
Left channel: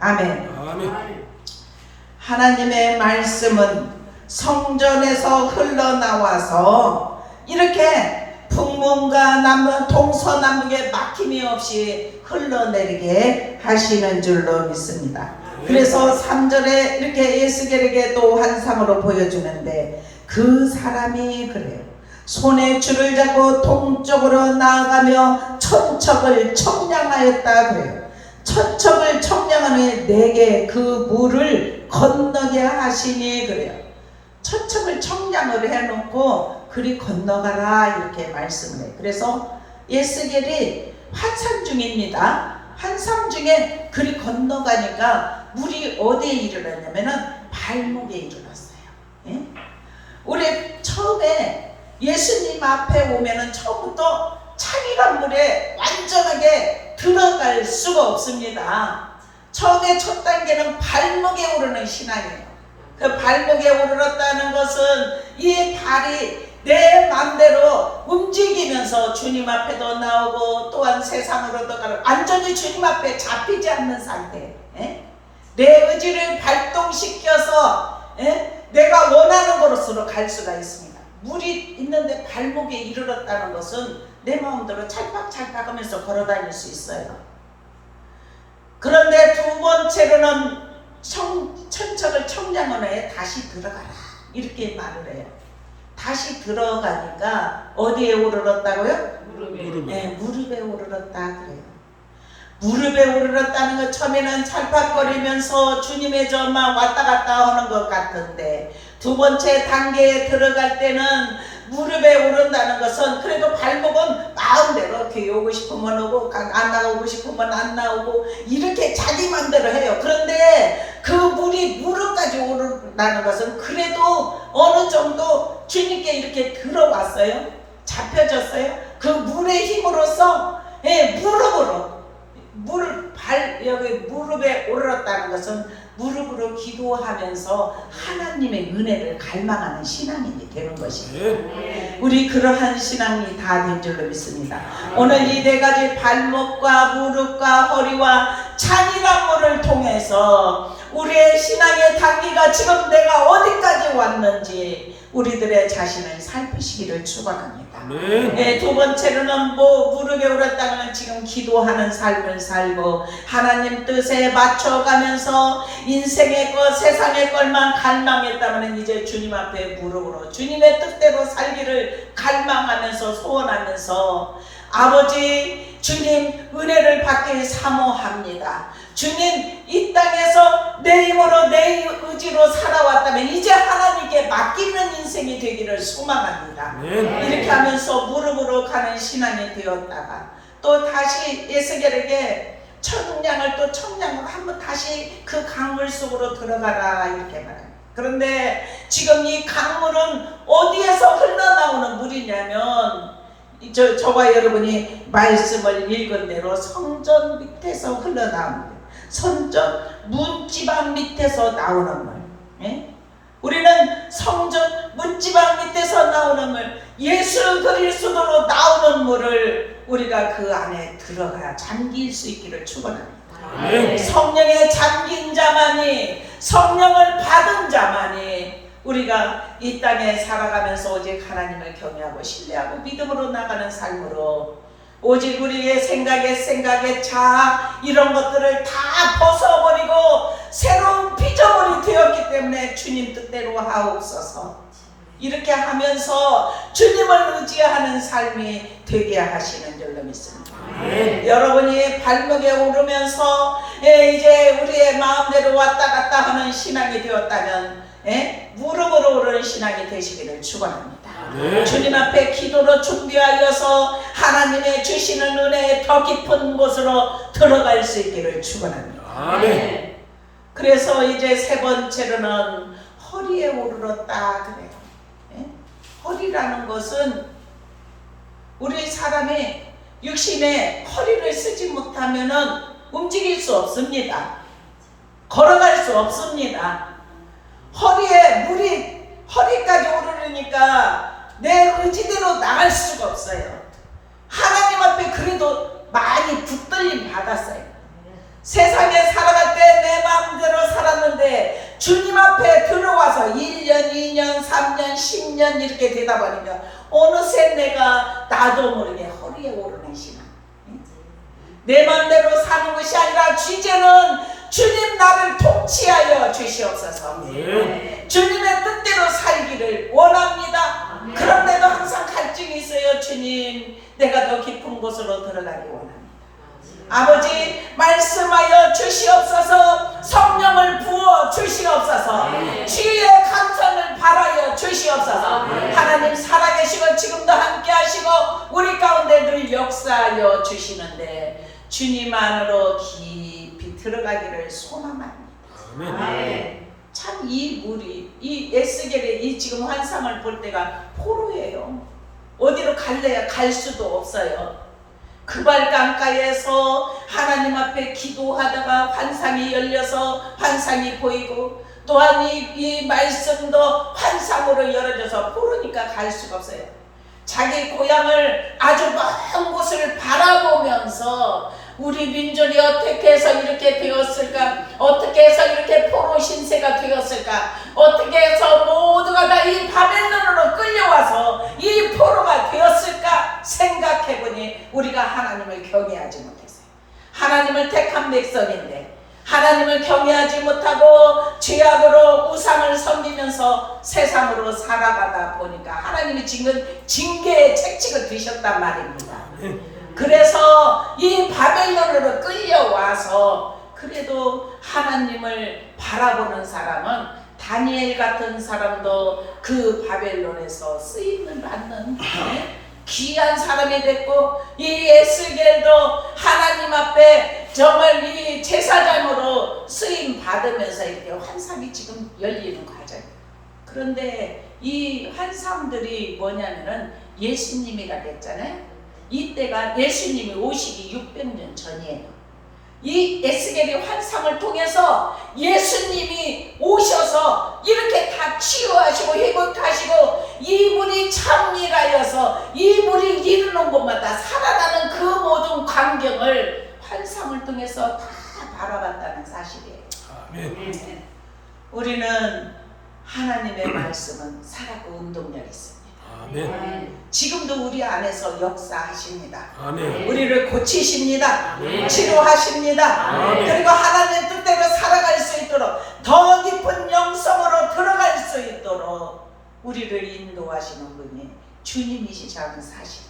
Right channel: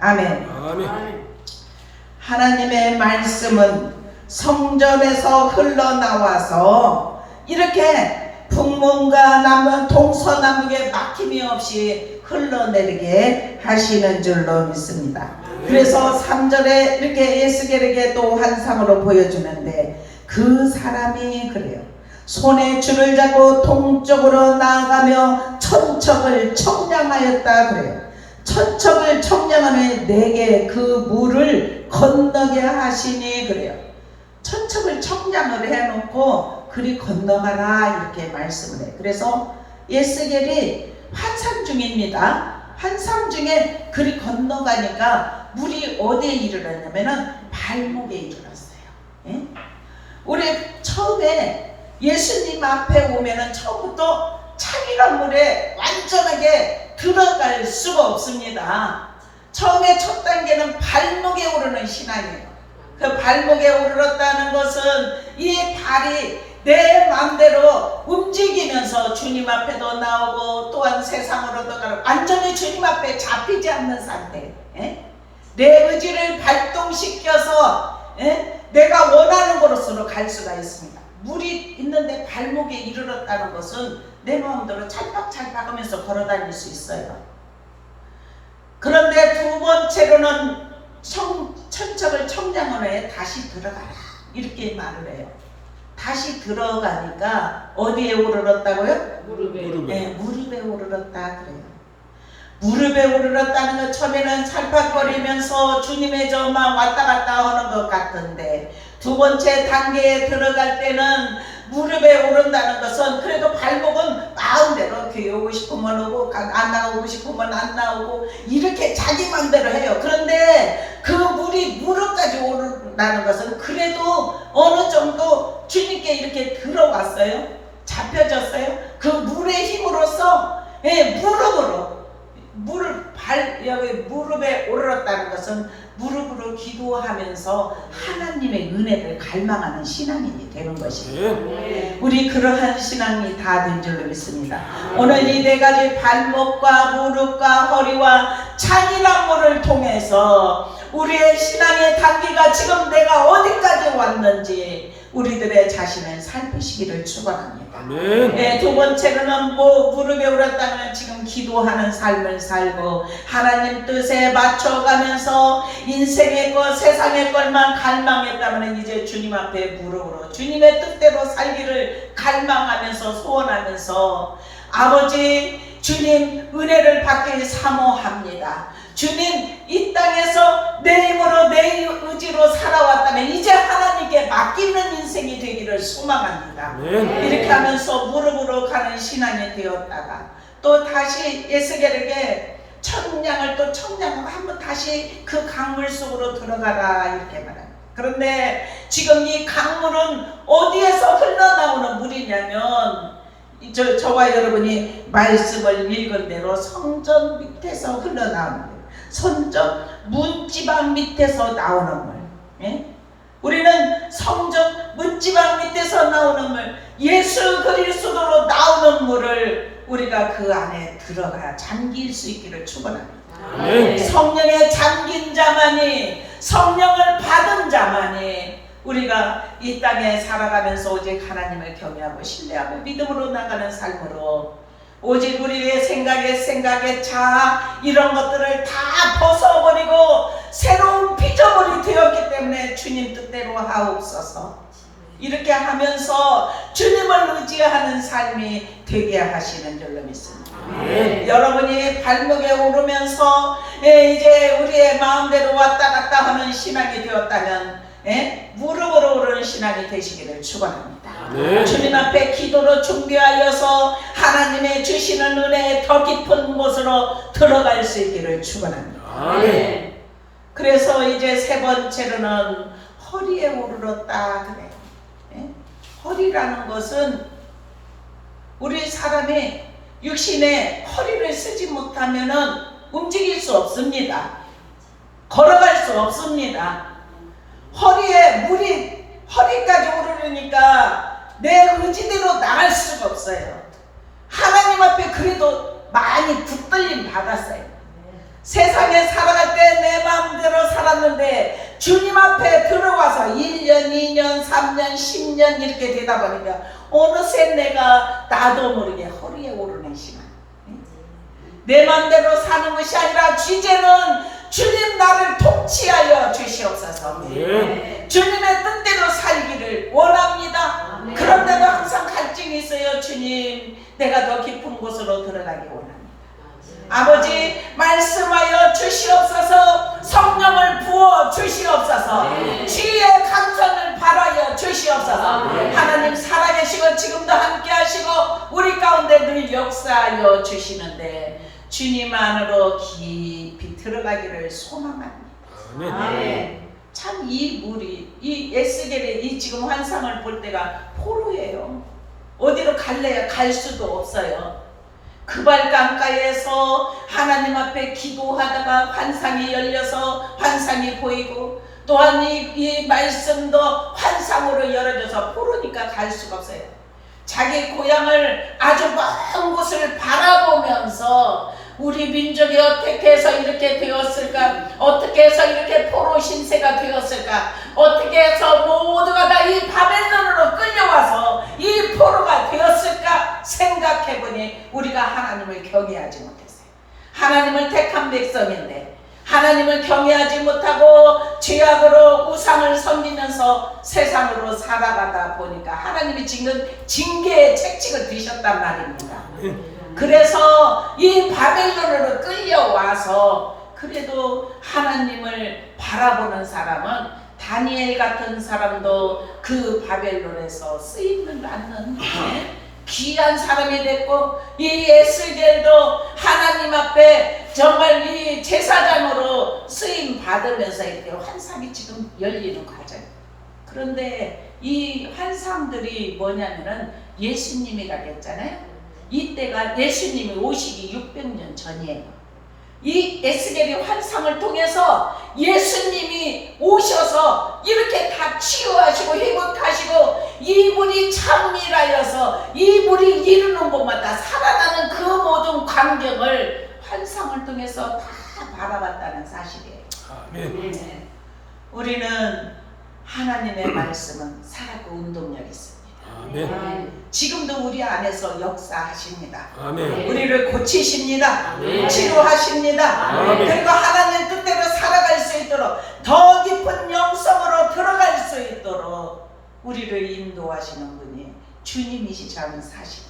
아멘. 아멘. 하나님의 말씀은 성전에서 흘러나와서 이렇게 북문과 남문 동서남북에 막힘이 없이 흘러내리게 하시는 줄로 믿습니다. 그래서 3절에 이렇게 에스겔에게 또 환상으로 보여주는데 그 사람이 그래요. 손에 줄을 잡고 동쪽으로 나아가며 천척을 청량하였다 그래요. 천척을 청량하니 내게 그 물을 건너게 하시니 그래요. 천척을 청량을 해놓고 그리 건너가라 이렇게 말씀을 해요. 그래서 에스겔이 환상 중입니다. 환상 중에 그리 건너가니까 물이 어디에 이르렀냐면은 발목에 이르렀어요. 예? 우리 처음에 예수님 앞에 오면은 처음부터 찬이란 물에 완전하게 들어갈 수가 없습니다. 처음에 첫 단계는 발목에 오르는 신앙이에요. 그 발목에 오르렀다는 것은 이 발이 내 마음대로 움직이면서 주님 앞에도 나오고 또한 세상으로도 가고 완전히 주님 앞에 잡히지 않는 상태. 내 의지를 발동시켜서 내가 원하는 곳으로 갈 수가 있습니다. 물이 있는데 발목에 이르렀다는 것은 내 마음대로 찰박찰박 하면서 걸어다닐 수 있어요. 그런데 두 번째로는 천척을 청량원에 다시 들어가라 이렇게 말을 해요. 다시 들어가니까 어디에 오르렀다고요? 무릎에. 네, 무릎에 오르렀다 그래요. 무릎에 오르렀다는 것 처음에는 찰팍거리면서 주님의 저만 왔다 갔다 하는 것 같은데 두 번째 단계에 들어갈 때는 무릎에 오른다는 것은 그래도 발목은 마음대로 교회 오고 싶으면 오고 안 나오고 싶으면 안 나오고 이렇게 자기 맘대로 해요. 그런데 그 물이 무릎까지 오른다는 것은 그래도 어느 정도 주님께 이렇게 들어왔어요. 잡혀졌어요. 그 물의 힘으로써 무릎으로 여기 무릎에 오르렀다는 것은 무릎으로 기도하면서 하나님의 은혜를 갈망하는 신앙인이 되는 것입니다. 우리 그러한 신앙이 다 된 줄로 믿습니다. 오늘 이 네 가지 발목과 무릎과 허리와 찬이란물을 통해서 우리의 신앙의 단계가 지금 내가 어디까지 왔는지 우리들의 자신을 살피시기를 축원합니다. 아멘. 두 번째로는 무릎에 오르렀다면 지금 기도하는 삶을 살고 하나님 뜻에 맞춰가면서 인생의 것 세상의 것만 갈망했다면 이제 주님 앞에 무릎으로 주님의 뜻대로 살기를 갈망하면서 소원하면서 아버지 주님 은혜를 받길 사모합니다. 주님 이 땅에서 내 힘으로 내 의지로 살아왔다면 이제 하나님께 맡기는 인생이 되기를 소망합니다. 아멘. 이렇게 하면서 무릎으로 가는 신앙이 되었다가 또 다시 에스겔에게 청량을 또 청량을 한번 다시 그 강물 속으로 들어가라 이렇게 말합니다. 그런데 지금 이 강물은 어디에서 흘러나오는 물이냐면 저와 여러분이 말씀을 읽은 대로 성전 밑에서 흘러나오는 거예요. 성전 문지방 밑에서 나오는 물. 우리는 성전 문지방 밑에서 나오는 물, 예수 그리스도로 나오는 물을 우리가 그 안에 들어가 잠길 수 있기를 축원합니다. 성령에 잠긴 자만이 성령을 받은 자만이 우리가 이 땅에 살아가면서 오직 하나님을 경외하고 신뢰하고 믿음으로 나가는 삶으로 오직 우리의 생각에 자 이런 것들을 다 벗어버리고 새로운 피조물이 되었기 때문에 주님 뜻대로 하옵소서. 이렇게 하면서 주님을 의지하는 삶이 되게 하시는 줄로 믿습니다. 여러분이 발목에 오르면서 이제 우리의 마음대로 왔다 갔다 하는 신앙이 되었다면 무릎으로 오르는 신앙이 되시기를 축원합니다. 주님 앞에 기도로 준비하여서 하나님의 주시는 은혜의 더 깊은 곳으로 들어갈 수 있기를 축원합니다. 아멘. 그래서 이제 세 번째로는 허리에 오르렀다 그래요. 예? 허리라는 것은 우리 사람이 육신에 허리를 쓰지 못하면은 움직일 수 없습니다. 걸어갈 수 없습니다. 허리에 물이 허리까지 오르니까 내 의지대로 나갈 수가 없어요. 하나님 앞에 그래도 많이 붙들림 받았어요. 세상에 살아갈 때 내 마음대로 살았는데 주님 앞에 들어와서 1년, 2년, 3년, 10년 이렇게 되다 보니까 어느새 내가 나도 모르게 허리에 오르는 시간. 내 마음대로 사는 것이 아니라 이제는 주님 나를 통치하여 주시옵소서. 주님의 뜻대로 살기를 원합니다. 그런데도 항상 갈증이 있어요. 주님, 내가 더 깊은 곳으로 들어가기 원합니다. 아버지, 말씀하여 주시옵소서. 성령을 부어 주시옵소서. 주의 감선을 바라여 주시옵소서. 하나님 살아계시고 지금도 함께 하시고 우리 가운데 늘 역사하여 주시는데 주님 안으로 깊이 들어가기를 소망합니다. 참 이 물이 이 에스겔의 이 지금 환상을 볼 때가 포로예요. 어디로 갈래야 갈 수도 없어요. 그발강가에서 하나님 앞에 기도하다가 환상이 열려서 환상이 보이고 또한 이 말씀도 환상으로 열어져서 포로니까 갈 수가 없어요. 자기 고향을 아주 먼 곳을 바라보면서 우리 민족이 어떻게 해서 이렇게 되었을까? 어떻게 해서 이렇게 포로 신세가 되었을까? 어떻게 해서 모두가 다 이 바벨론으로 끌려와서 이 포로가 되었을까? 생각해보니 우리가 하나님을 경외하지 못했어요. 하나님을 택한 백성인데 하나님을 경외하지 못하고 죄악으로 우상을 섬기면서 세상으로 살아가다 보니까 하나님이 지금 징계의 책찍을 드셨단 말입니다. 그래서 이 바벨론으로 끌려와서 그래도 하나님을 바라보는 사람은 다니엘 같은 사람도 그 바벨론에서 쓰임을 받는 귀한 사람이 됐고 이 에스겔도 하나님 앞에 정말 이 제사장으로 쓰임 받으면서 이렇게 환상이 지금 열리는 과정. 그런데 이 환상들이 뭐냐면은 예수님이가 됐잖아요. 이때가 예수님이 오시기 600년 전이에요. 이 에스겔의 환상을 통해서 예수님이 오셔서 이렇게 다 치유하시고 회복하시고 이 물이 참미라여서 이 물이 이르는 곳마다 살아나는 그 모든 광경을 환상을 통해서 다 바라봤다는 사실이에요. 아멘. 우리는 하나님의 말씀은 살았고 운동력이 있습니다. 아멘. 지금도 우리 안에서 역사하십니다. 아멘. 우리를 고치십니다. 아멘. 치료하십니다. 아멘. 그리고 하나님 뜻대로 살아갈 수 있도록 더 깊은 영성으로 들어갈 수 있도록 우리를 인도하시는 분이 주님이시라는 사실입니다.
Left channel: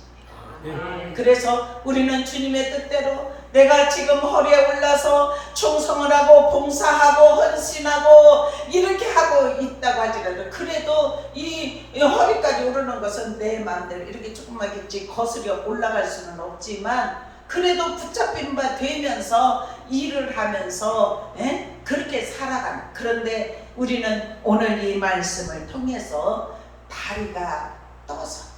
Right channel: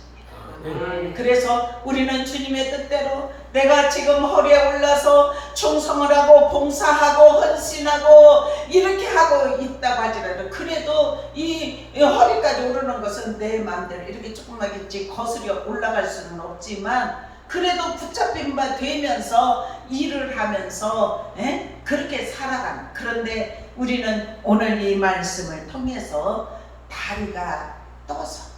아멘. 그래서 우리는 주님의 뜻대로 내가 지금 허리에 올라서 충성을 하고 봉사하고 헌신하고 이렇게 하고 있다고 하지라도 그래도 이 허리까지 오르는 것은 내 마음대로 이렇게 조금만 거슬려 올라갈 수는 없지만 그래도 붙잡힌 바 되면서 일을 하면서 그렇게 살아가는. 그런데 우리는 오늘 이 말씀을 통해서 다리가 떠서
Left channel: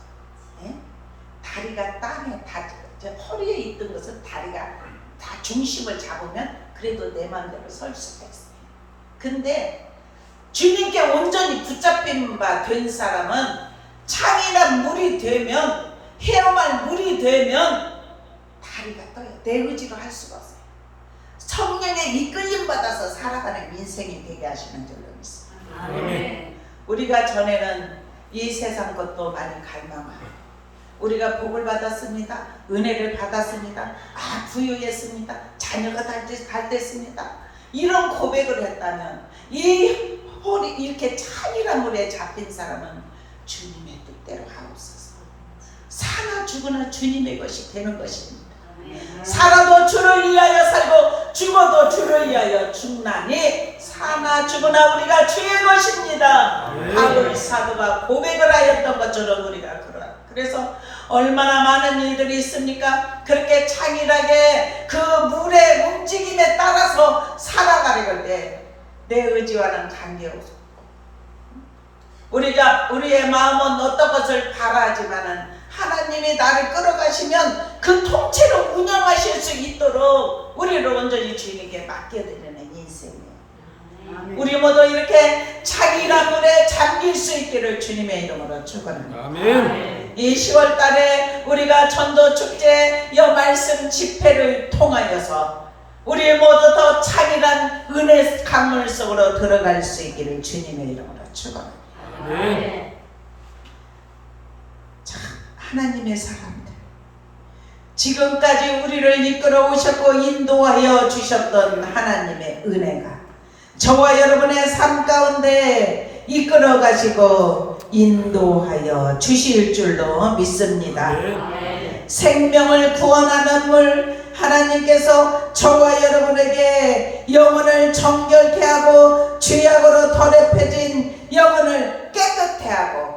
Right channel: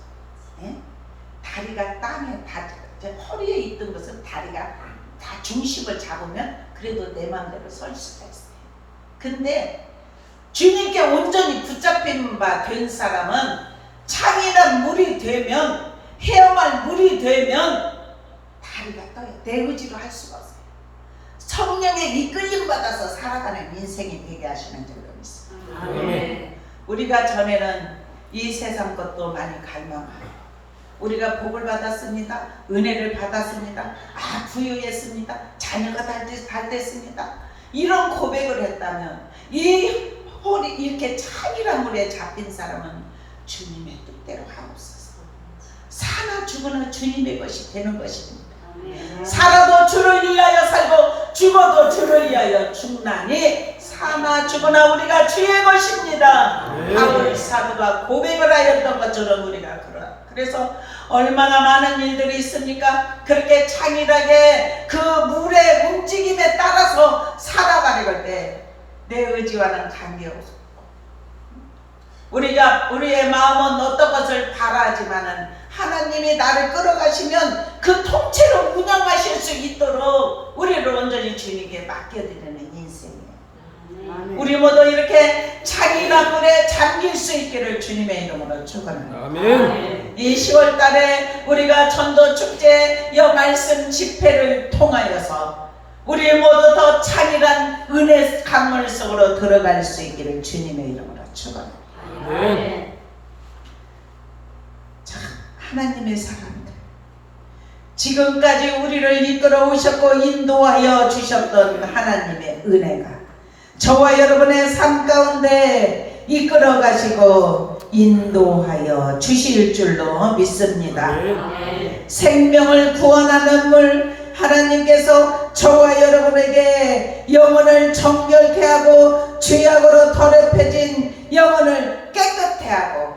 다리가 땅에 허리에 있던 것은 다리가 다 중심을 잡으면 그래도 내 마음대로 설 수가 있어요. 근데 주님께 온전히 붙잡힌 바 된 사람은 창이나 물이 되면 헤엄할 물이 되면 다리가 떠요. 내 의지로 할 수가 없어요. 성령의 이끌림 받아서 살아가는 인생이 되게 하시는 줄로 믿습니다. 아멘. 우리가 전에는 이 세상 것도 많이 갈망하고 우리가 복을 받았습니다. 은혜를 받았습니다. 부유했습니다. 자녀가 잘 됐습니다. 이런 고백을 했다면 이 허리 이렇게 찬이란 물에 잡힌 사람은 주님의 뜻대로 하옵소서. 사나 죽으나 주님의 것이 되는 것입니다. 살아도 주를 위하여 살고 죽어도 주를 위하여 죽나니 사나 죽으나 우리가 주의 것입니다. 바울 사도가 고백을 하였던 것처럼 우리가 그래서 얼마나 많은 일들이 있습니까? 그렇게 창일하게 그 물의 움직임에 따라서 살아가려고 할 때 내 의지와는 관계없고 우리의 마음은 어떤 것을 바라지만은 하나님이 나를 끌어가시면 그 통째로 운영하실 수 있도록 우리를 온전히 주님께 맡겨드리는 인생이에요. 우리 모두 이렇게 찬이라 물에 잠길 수 있기를 주님의 이름으로 축원합니다. 아멘. 이 10월 달에 우리가 전도축제 여 말씀 집회를 통하여서 우리 모두 더 찬이란 은혜 강물 속으로 들어갈 수 있기를 주님의 이름으로 축원합니다. 아멘. 자, 하나님의 사람들, 지금까지 우리를 이끌어 오셨고 인도하여 주셨던 하나님의 은혜가 저와 여러분의 삶 가운데 이끌어 가시고 인도하여 주실 줄로 믿습니다. 아멘. 생명을 구원하는 물 하나님께서 저와 여러분에게 영혼을 정결케 하고 죄악으로 더럽혀진 영혼을 깨끗해 하고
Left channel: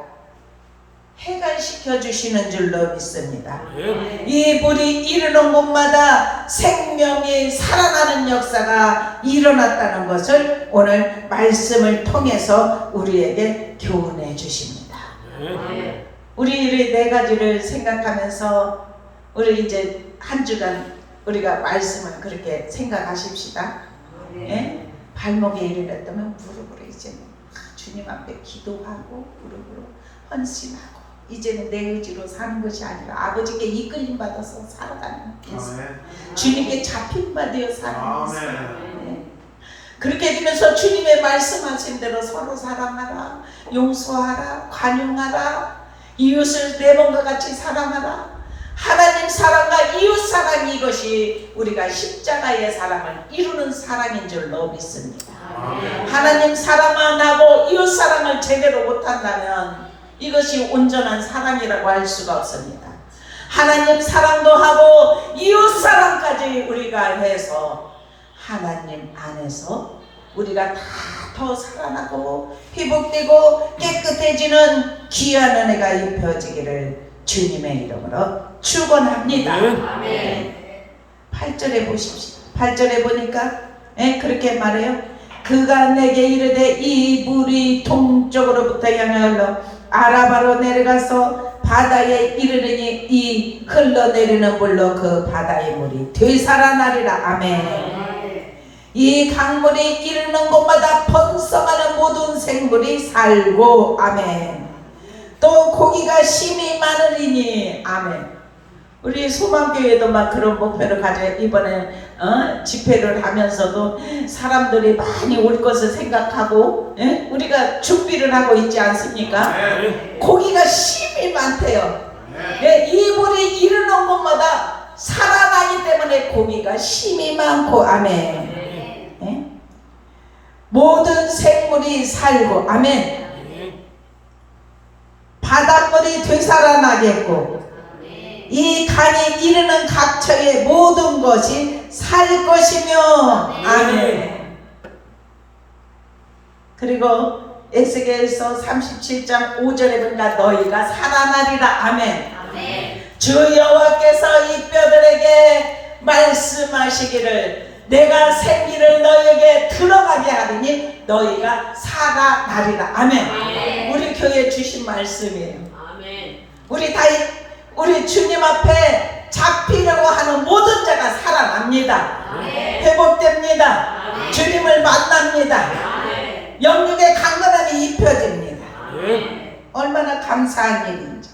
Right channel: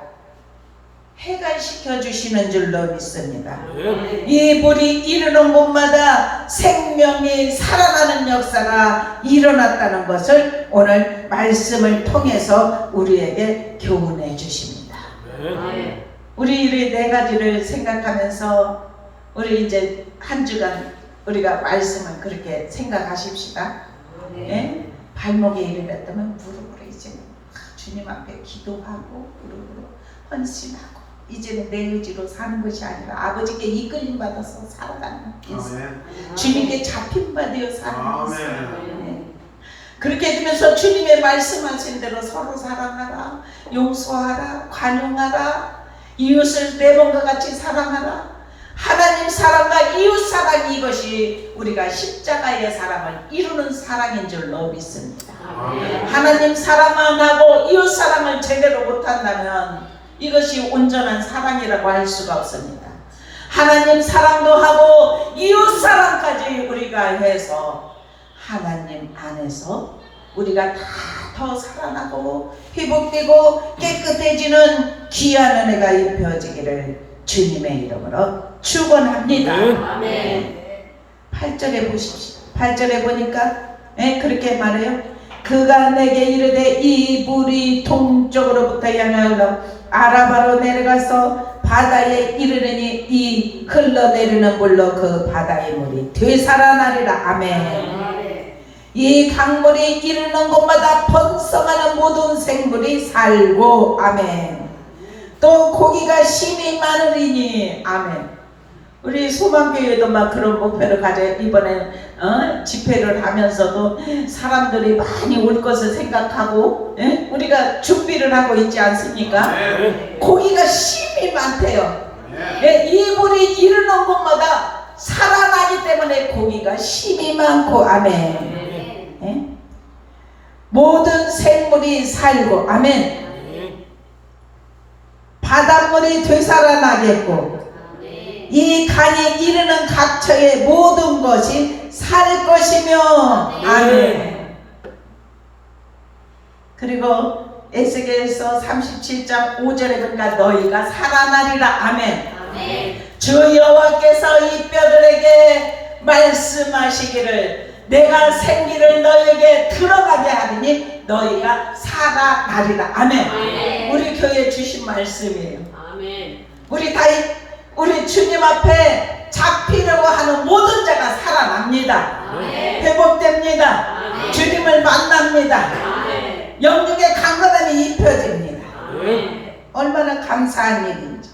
해갈시켜 주시는 줄로 믿습니다. 아멘. 이 물이 이르는 곳마다 생명이 살아나는 역사가 일어났다는 것을 오늘 말씀을 통해서 우리에게 교훈해 주십니다. 아멘. 우리 이 네 가지를 생각하면서 우리 이제 한 주간 우리가 말씀을 그렇게 생각하십시다. 예? 발목에 이르렀다면 무릎으로 이제는 주님 앞에 기도하고 무릎으로 헌신하고 이제는 내 의지로 사는 것이 아니라 아버지께 이끌림 받아서 살아가는 인생, 주님께 잡힘 받아 사는 인생. 그렇게 되면서 주님의 말씀하신 대로 서로 사랑하라, 용서하라, 관용하라, 이웃을 내 몸과 같이 사랑하라. 하나님 사랑과 이웃 사랑, 이것이 우리가 십자가의 사랑을 이루는 사랑인 줄로 믿습니다. 하나님 사랑 안 하고 이웃 사랑을 제대로 못한다면 이것이 온전한 사랑이라고 할 수가 없습니다. 하나님 사랑도 하고 이웃 사랑까지 우리가 해서 하나님 안에서 우리가 다 더 살아나고 회복되고 깨끗해지는 귀한 은혜가 입혀지기를 주님의 이름으로 축원합니다. 아멘. 8절에 보십시오. 8절에 보니까 그렇게 말해요. 그가 내게 이르되 이 물이 동쪽으로부터 향하여 아라바로 내려가서 바다에 이르르니 이 흘러내리는 물로 그 바다의 물이 되살아나리라. 아멘. 이 강물이 이르는 곳마다 번성하는 모든 생물이 살고 아멘. 또 고기가 심이 많으리니 아멘. 우리 소망교회도 막 그런 목표를 가져 이번에 집회를 하면서도 사람들이 많이 올 것을 생각하고 우리가 준비를 하고 있지 않습니까? 고기가 심이 많대요. 이 물이 이르는 곳마다 살아나기 때문에 고기가 심이 많고 아멘. 모든 생물이 살고 아멘. 바닷물이 되살아나겠고 이 강이 이르는 각처의 모든 것이 살 것이며 아멘. 그리고 에스겔서 37장 5절에 보니까 너희가 살아나리라. 아멘. 주 여호와께서 이 뼈들에게 말씀하시기를 내가 생기를 너희에게 들어가게 하리니 너희가 살아나리라. 아멘. 우리 교회에 주신 말씀이에요. 우리 주님 앞에 잡히려고 하는 모든 자가 살아납니다. 회복됩니다. 주님을 만납니다. 영육의 강건함이 입혀집니다. 얼마나 감사한 일인지.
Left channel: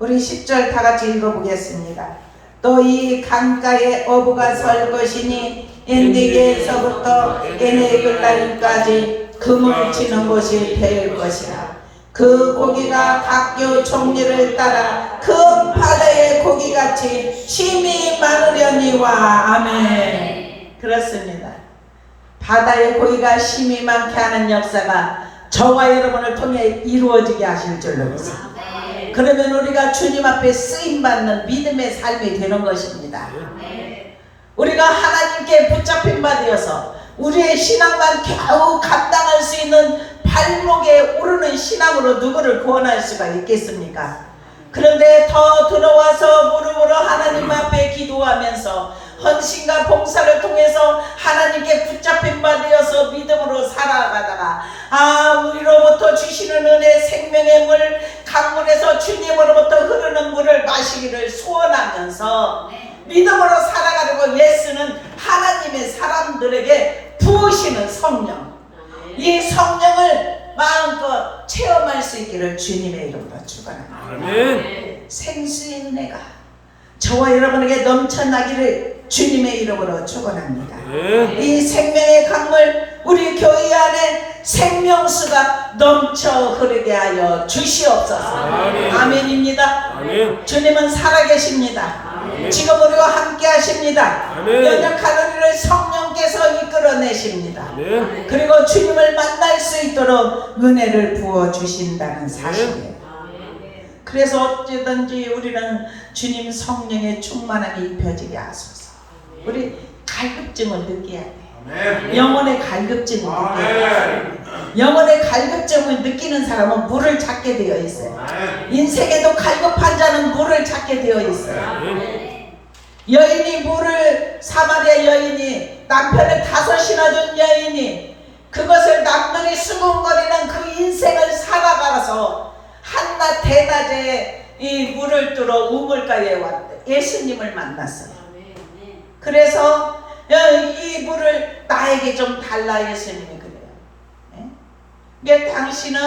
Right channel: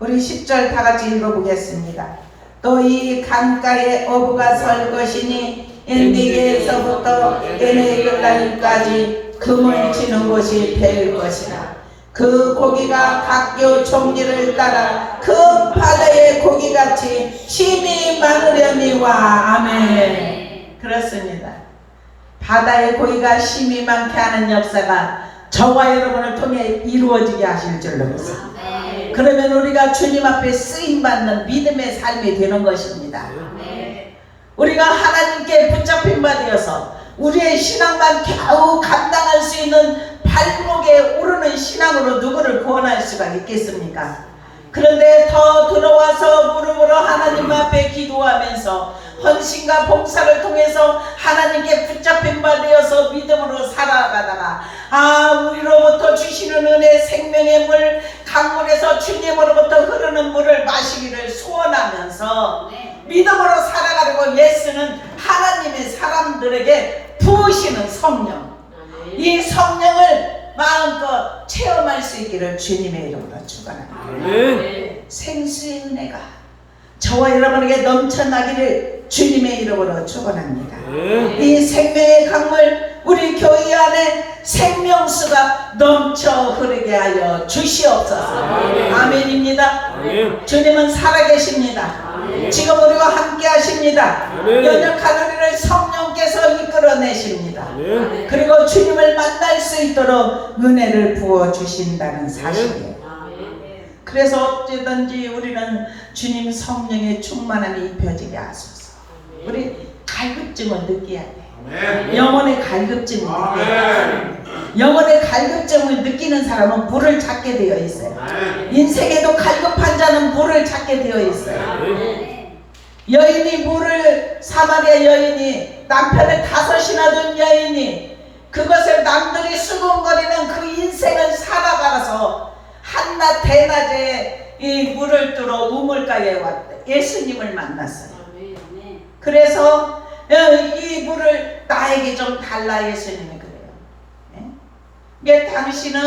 우리 10절 다 같이 읽어보겠습니다. 또 이 강가에 어부가 설 것이니 엔디게에서부터 에네그까지 금을 치는 곳이 될 것이라. 그 고기가 각교 종류를 따라 그 바다의 고기같이 심이 많으려니와 아멘. 그렇습니다. 바다의 고기가 심이 많게 하는 역사가 저와 여러분을 통해 이루어지게 하실 줄로 믿습니다. 그러면 우리가 주님 앞에 쓰임받는 믿음의 삶이 되는 것입니다. 우리가 하나님께 붙잡힌 바 되어서 우리의 신앙만 겨우 감당할 수 있는 발목에 오르는 신앙으로 누구를 구원할 수가 있겠습니까? 그런데 더 들어와서 무릎으로 하나님 앞에 기도하면서 헌신과 봉사를 통해서 하나님께 붙잡힌 바 되어서 믿음으로 살아가다가 우리로부터 주시는 은혜 생명의 물 강물에서 주님으로부터 흐르는 물을 마시기를 소원하면서 믿음으로 살아가려고 예수는 하나님의 사람들에게 부으시는 성령, 이 성령을 마음껏 체험할 수 있기를 주님의 이름으로 축원합니다. 아멘. 생수의 은혜가 저와 여러분에게 넘쳐나기를 주님의 이름으로 축원합니다. 이 생명의 강물 우리 교회 안에 생명수가 넘쳐 흐르게 하여 주시옵소서. 아멘입니다. 아멘. 주님은 살아계십니다. 아멘. 지금 우리와 함께 하십니다. 아멘. 연약한 우리를 성령께서 이끌어내십니다. 아멘. 그리고 주님을 만날 수 있도록 은혜를 부어주신다는 사실이에요. 그래서 어찌든지 우리는 주님 성령의 충만함이 입혀지게 하소서. 우리 갈급증을 느껴야 돼. 영혼의 갈급증을 느껴야 돼. 영혼의 갈급증을 느끼는 사람은 물을 찾게 되어 있어요. 인생에도 갈급한 자는 물을 찾게 되어 있어요. 여인이 물을, 사마리아 여인이, 남편을 5이나 둔 여인이 그것을 남들이 수군거리는 그 인생을 살아가서 한낮 대낮에 이 물을 뚫어 우물가에 왔대. 예수님을 만났어요. 그래서 이 물을 나에게 좀 달라 예수님이 그래요. 그러니까 당신은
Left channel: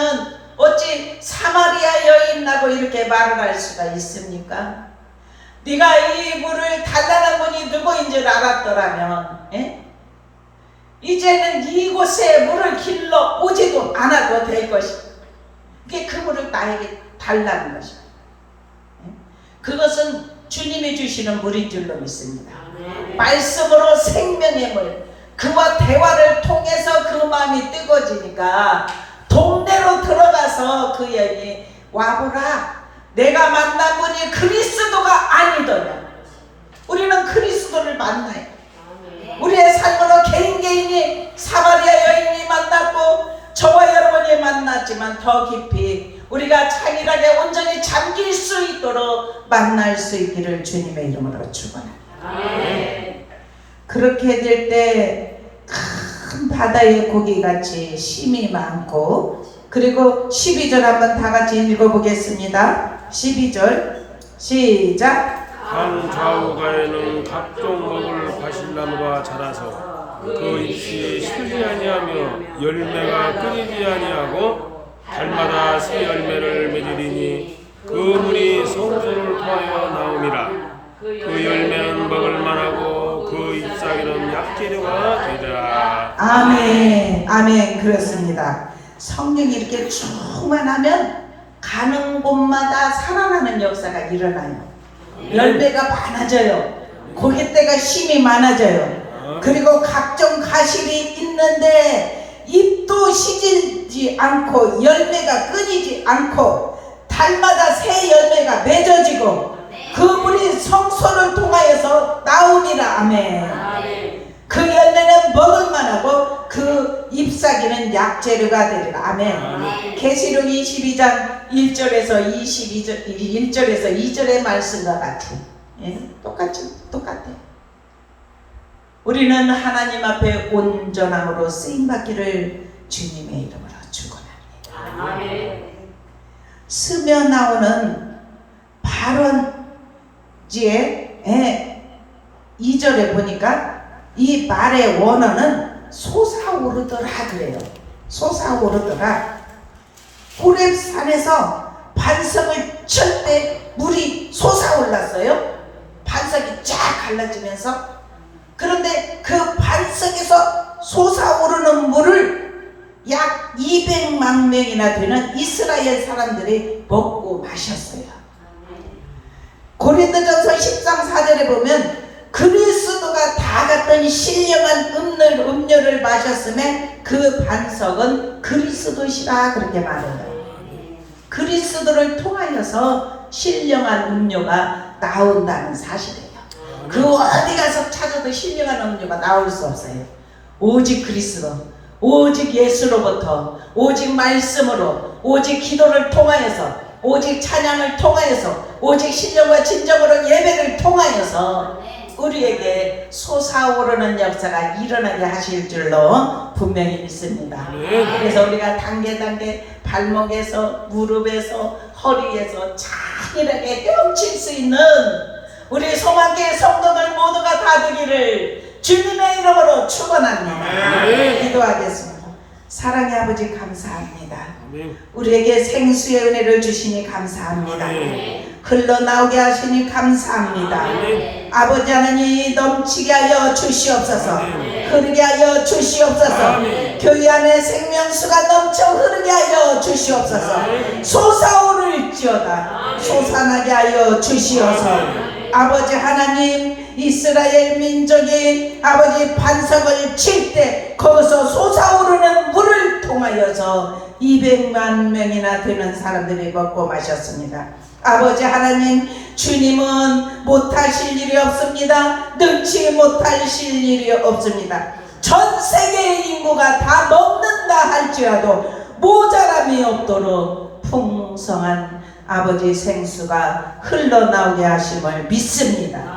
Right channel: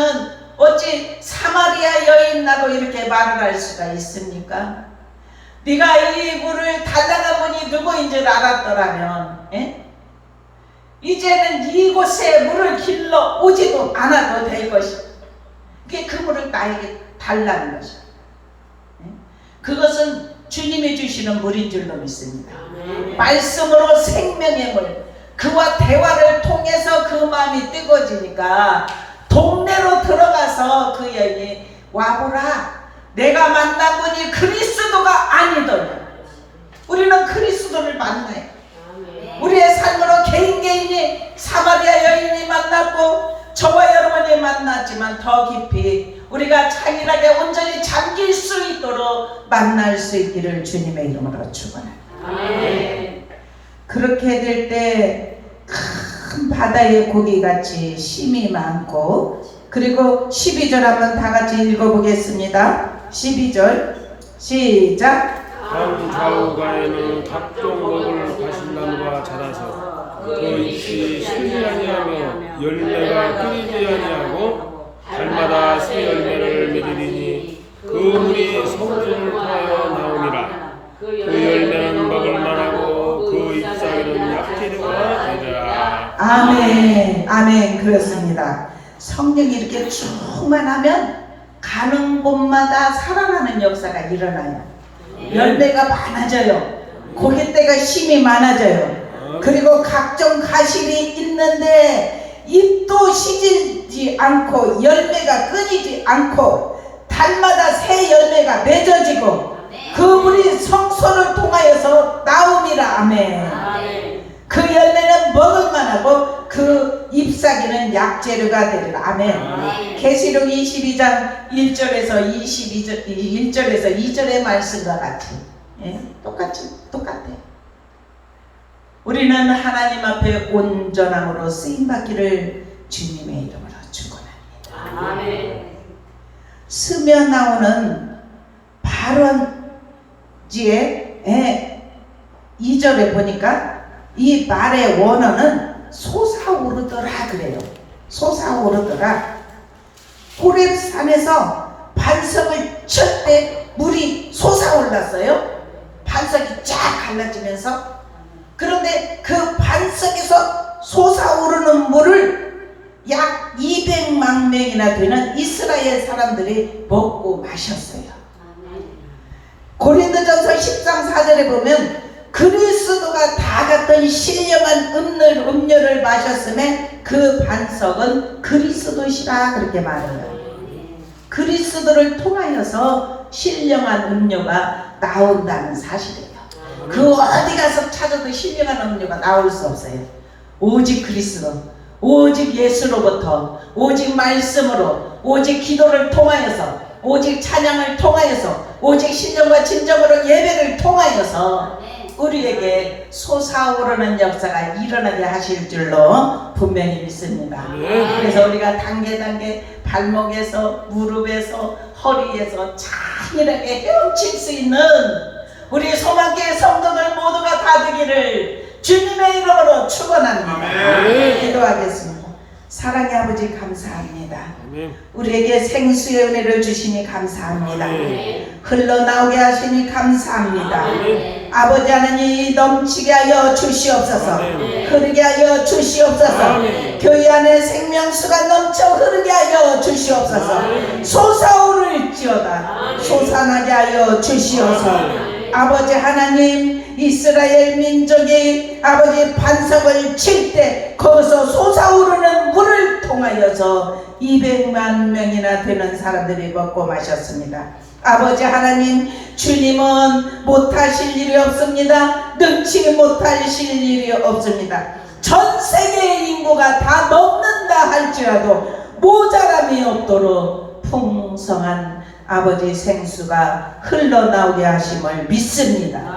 어찌 사마리아 여인이라고 이렇게 말을 할 수가 있습니까? 네가 이 물을 달라는 분이 누구인 줄 알았더라면 이제는 이곳에 물을 길러 오지도 않아도 될 것이다. 그 물을 나에게 달라는 것이다. 그것은 주님이 주시는 물인 줄로 믿습니다. 말씀으로 생명의 물, 그와 대화를 통해서 그 마음이 뜨거워지니까 동네로 들어가서 그 여인이 와보라, 내가 만난 분이 그리스도가 아니더냐. 우리는 그리스도를 만나요. 우리의 삶으로 개인이 사마리아 여인이 만났고 저와 여러분이 만났지만 더 깊이 우리가 찬일하게 온전히 잠길 수 있도록 만날 수 있기를 주님의 이름으로 축원합니다. 그렇게 될 때 큰 바다의 고기같이 심이 많고, 그리고 12절 한번 다 같이 읽어보겠습니다. 12절 시작. 강 좌우가에는 각종 먹을 과실나무가 자라서 그 잎이 슬지 아니하며 열매가 끊이지 아니하고 달마다 새 열매를 맺으리니 그 물이 성소를 통하여 나옴이라. 그 열매는 먹을 만하고 그 잎사귀는 약재료가 되리라. 아멘. 아멘. 그렇습니다. 성령이 이렇게 충만하면 가는 곳마다 살아나는 역사가 일어나요. 열매가 많아져요. 고깃대가 심이 많아져요. 그리고 각종 가실이 있는데 잎도 시들지 않고 열매가 끊이지 않고 달마다 새 열매가 맺어지고 그 물이 성소를 통하여서 나옴이라. 아멘. 그 열매는 먹을 만하고 그 잎사귀는 약재료가 되리라. 아멘. 계시록 22장 1절에서 1절에서 2절의 말씀과 같이 똑같아. 우리는 하나님 앞에 온전함으로 쓰임받기를 주님의 이름으로 축원합니다. 스며 나오는 발언지에 2절에 보니까 이 말의 원어는 솟아오르더라 그래요. 솟아오르더라. 호렙산에서 반석을 칠 때 물이 솟아올랐어요. 반석이 쫙 갈라지면서. 그런데 그 반석에서 솟아오르는 물을 약 200만 명이나 되는 이스라엘 사람들이 먹고 마셨어요. 고린도전서 10장 4절에 보면 그리스도가 다 같은 신령한 음료를 마셨음에 그 반석은 그리스도시라 그렇게 말해요. 그리스도를 통하여서 신령한 음료가 나온다는 사실이에요. 그 어디 가서 찾아도 신령한 음료가 나올 수 없어요. 오직 그리스도, 오직 예수로부터, 오직 말씀으로, 오직 기도를 통하여서, 오직 찬양을 통하여서, 오직 신령과 진정으로 예배를 통하여서 우리에게 솟아오르는 역사가 일어나게 하실 줄로 분명히 믿습니다. 아멘. 그래서 우리가 단계 발목에서 무릎에서 허리에서 차일하게 헤엄칠 수 있는 우리 소망교회 성도들 모두가 다 되기를 주님의 이름으로 축원합니다. 아멘. 기도하겠습니다. 사랑의 아버지 감사합니다. 아멘. 우리에게 생수의 은혜를 주시니 감사합니다. 아멘. 흘러나오게 하시니 감사합니다. 아멘. 아버지 하나님 넘치게 하여 주시옵소서. 아멘. 흐르게 하여 주시옵소서. 아멘. 교회 안에 생명수가 넘쳐 흐르게 하여 주시옵소서. 아멘. 솟아오를지어다 솟아나게 하여 주시옵소서. 아멘. 아버지 하나님 이스라엘 민족이 아버지 반석을 칠 때 거기서 솟아오르는 물을 통하여서 200만 명이나 되는 사람들이 먹고 마셨습니다. 아버지 하나님 주님은 못하실 일이 없습니다. 능치 못하실 일이 없습니다. 전 세계의 인구가 다 먹는다 할지라도 모자람이 없도록 풍성한 아버지 생수가 흘러나오게 하심을 믿습니다.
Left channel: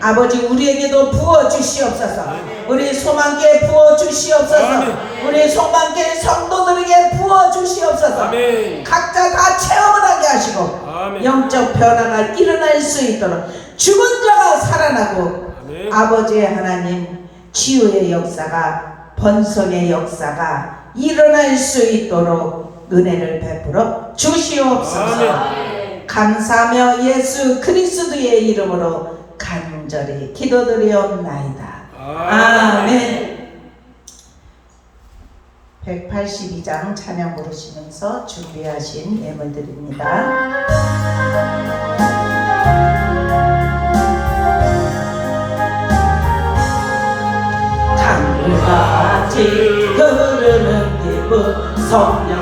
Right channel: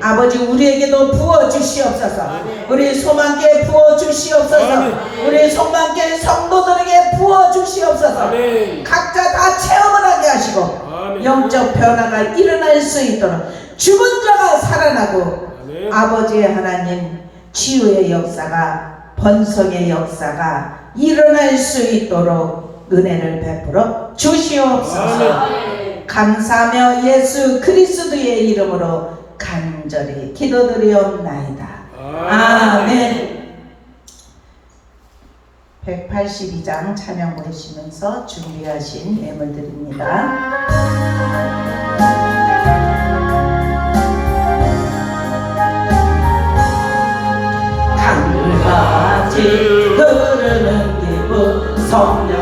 아버지 우리에게도 부어주시옵소서. 우리 소망교회 부어주시옵소서. 아멘. 우리 소망교회 성도들에게 부어주시옵소서. 아멘. 각자 다 체험을 하게 하시고 아멘. 영적 변화가 일어날 수 있도록 죽은 자가 살아나고 아멘. 아버지 하나님 치유의 역사가 번성의 역사가 일어날 수 있도록 은혜를 베풀어 주시옵소서. 아멘. 감사하며 예수 그리스도의 이름으로 간절히 기도드리옵나이다. 아멘. 182장 찬양 부르시면서 준비하신 예물들입니다. 강물같이 흐르는 기분 성령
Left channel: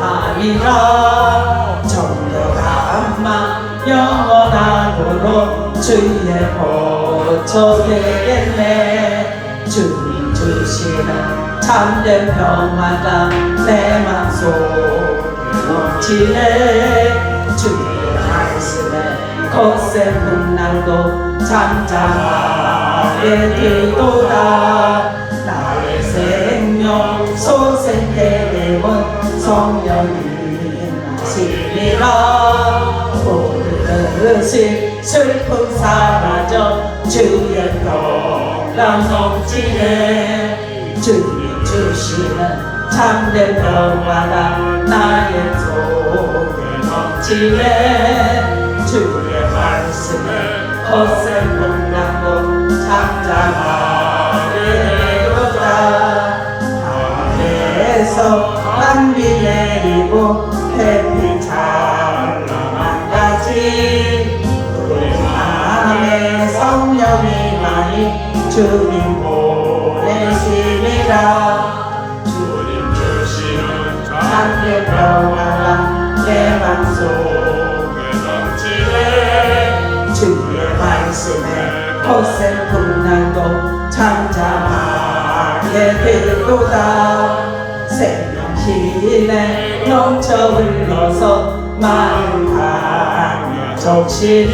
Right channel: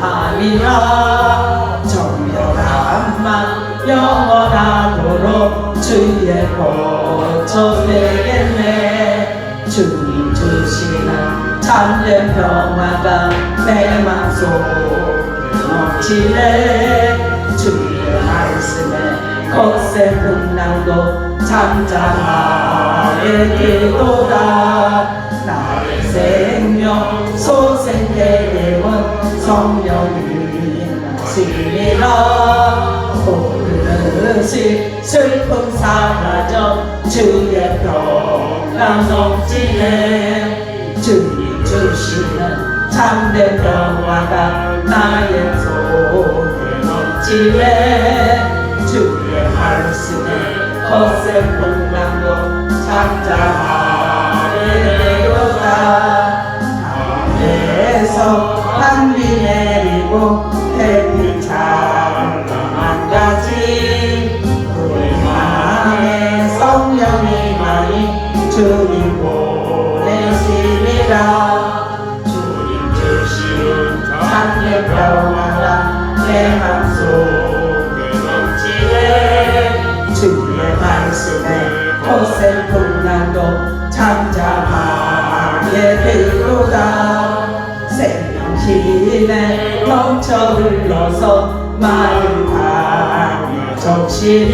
강하리라. 정결함만 영원하도록 주의 보초 되겠네. 주님 주시는 참된 평화가 내 맘속에 넘치네. 주의 말씀에 거센 풍랑도 잠잠하게 되도다. 나의 생명 소생되게 온 성령이 하시리라. 오르듯이 슬픔 사라져 주의 평강 넘치네. 주님 주시는 참된 평화가 나의 속에 넘치네. 주의 말씀에 거센 풍랑도 잠잠하게 되도다. 하늘에서 단비 내리고 햇빛 찬란한 같이 우리 마음에 성령이만이 주님 보내시리라. 주님 주시는 참된 평화가 내 맘속에 넘치네. 주의 말씀에 거센 풍랑도 잠잠하게 되도다. 생명신에 넘쳐 흘러서 마음 하며 적시니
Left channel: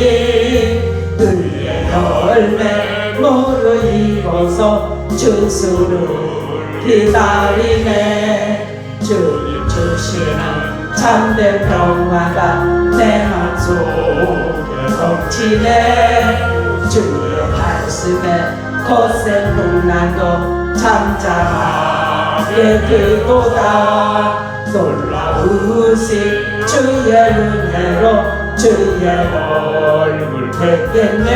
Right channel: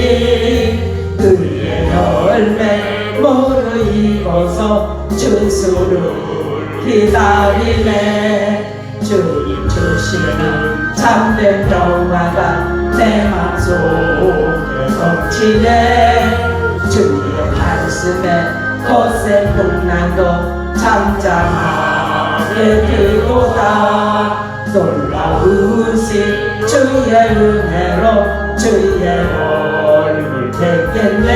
그의 열매 무르익어서 주수를 기다리네. 주님 주시는 참된 평화가 내 맘속에 넘치네. 주의 말씀에 거센 풍랑도 잠잠하게 되도다. 놀라우신 주의 은혜로 주의 얼굴 뵙겠네.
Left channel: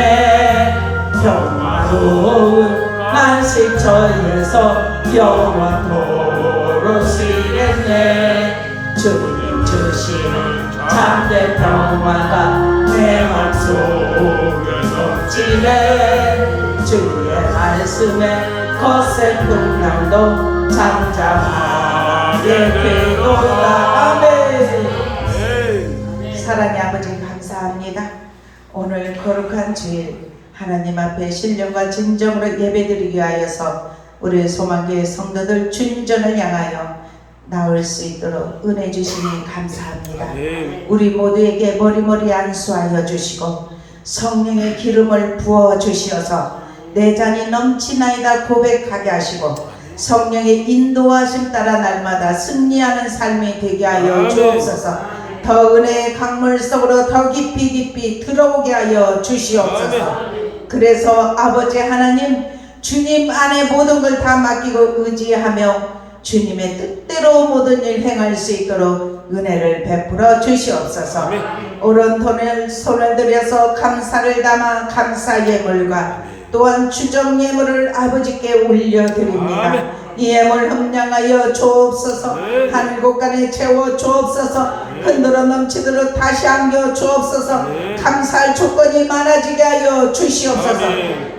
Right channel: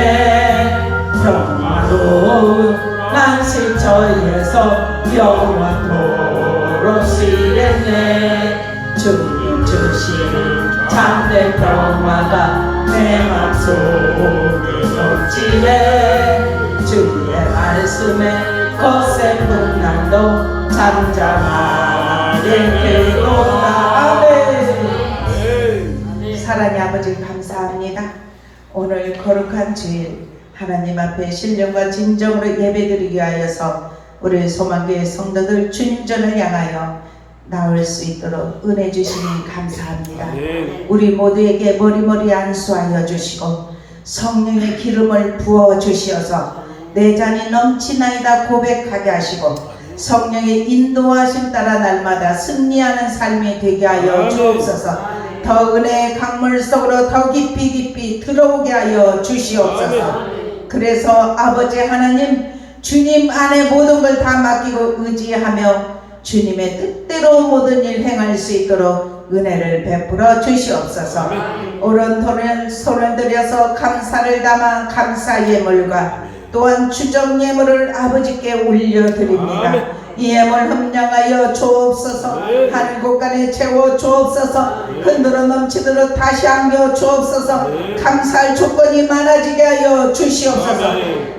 평화로운 안식 저에서 영원토록 쉬겠네. 주님 주시는 참된 평화가 내 맘속에 넘치네. 주의 말씀에 거센 풍랑도 잠잠하게 되도다. 아멘. 사랑의 아버지 감사합니다. 오늘 거룩한 주일 하나님 앞에 신령과 진정으로 예배드리기 위하여서 우리 소망교회 성도들 주님전을 향하여 나올 수 있도록 은혜 주시니 감사합니다. 아멘. 우리 모두에게 머리머리 안수하여 주시고 성령의 기름을 부어 주시어서 내 잔이 넘치나이다 고백하게 하시고 성령의 인도하심 따라 날마다 승리하는 삶이 되게 하여 주옵소서. 더 은혜의 강물 속으로 더 깊이 들어오게 하여 주시옵소서. 그래서 아버지 하나님, 주님 안에 모든 걸 다 맡기고 의지하며 주님의 뜻대로 모든 일 행할 수 있도록 은혜를 베풀어 주시옵소서. 오른손을 손을 들여서 감사를 담아 감사 예물과 또한 주정 예물을 아버지께 올려드립니다. 이 예물 함량하여 주옵소서. 하늘 곳간에 채워 주옵소서. 흔들어 넘치도록 다시 안겨 주옵소서. 감사할 조건이 많아지게 하여 주시옵소서.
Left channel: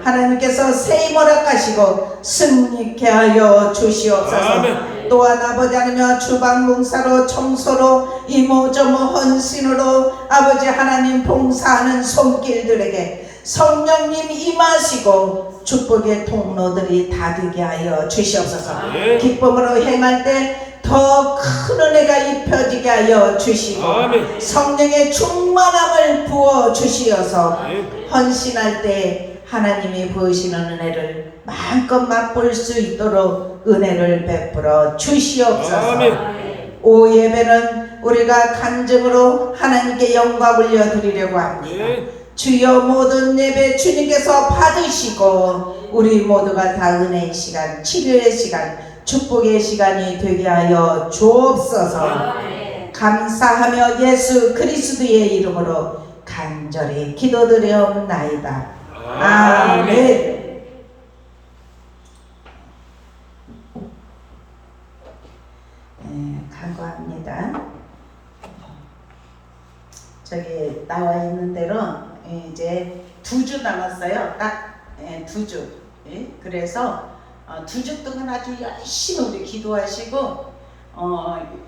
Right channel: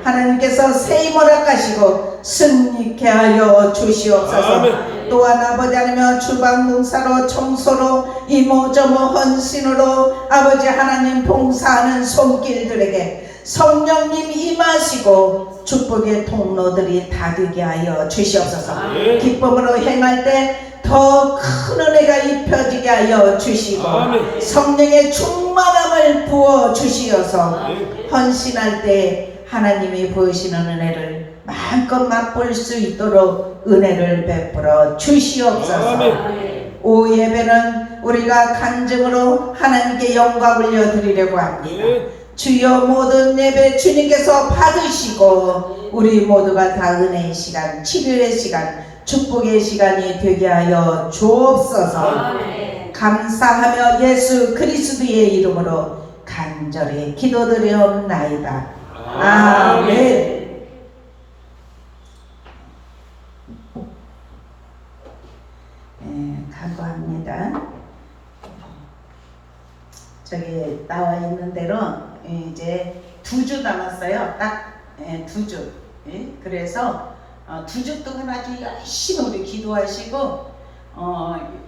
하나님께서 새 힘을 허락하시고 승리케 하여 주시옵소서. 또한 아버지 하나님 주방 봉사로 청소로 이모저모 헌신으로 아버지 하나님 봉사하는 손길들에게 성령님 임하시고 축복의 통로들이 다 되게 하여 주시옵소서. 기쁨으로 행할 때 더 큰 은혜가 입혀지게 하여 주시고 성령의 충만함을 부어 주시어서 헌신할 때 하나님이 부으시는 은혜를 마음껏 맛볼 수 있도록 은혜를 베풀어 주시옵소서. 오 예배는 우리가 간증으로 하나님께 영광 올려드리려고 합니다. 주여 모든 예배 주님께서 받으시고 우리 모두가 다 은혜의 시간, 치료의 시간, 축복의 시간이 되게 하여 주옵소서. 감사하며 예수 그리스도의 이름으로 간절히 기도드리옵나이다. 아멘. 간구합니다. 저기 나와 있는 대로 이제 2주 남았어요. 딱 2주. 그래서 2주 동안 아주 열심히 우리 기도하시고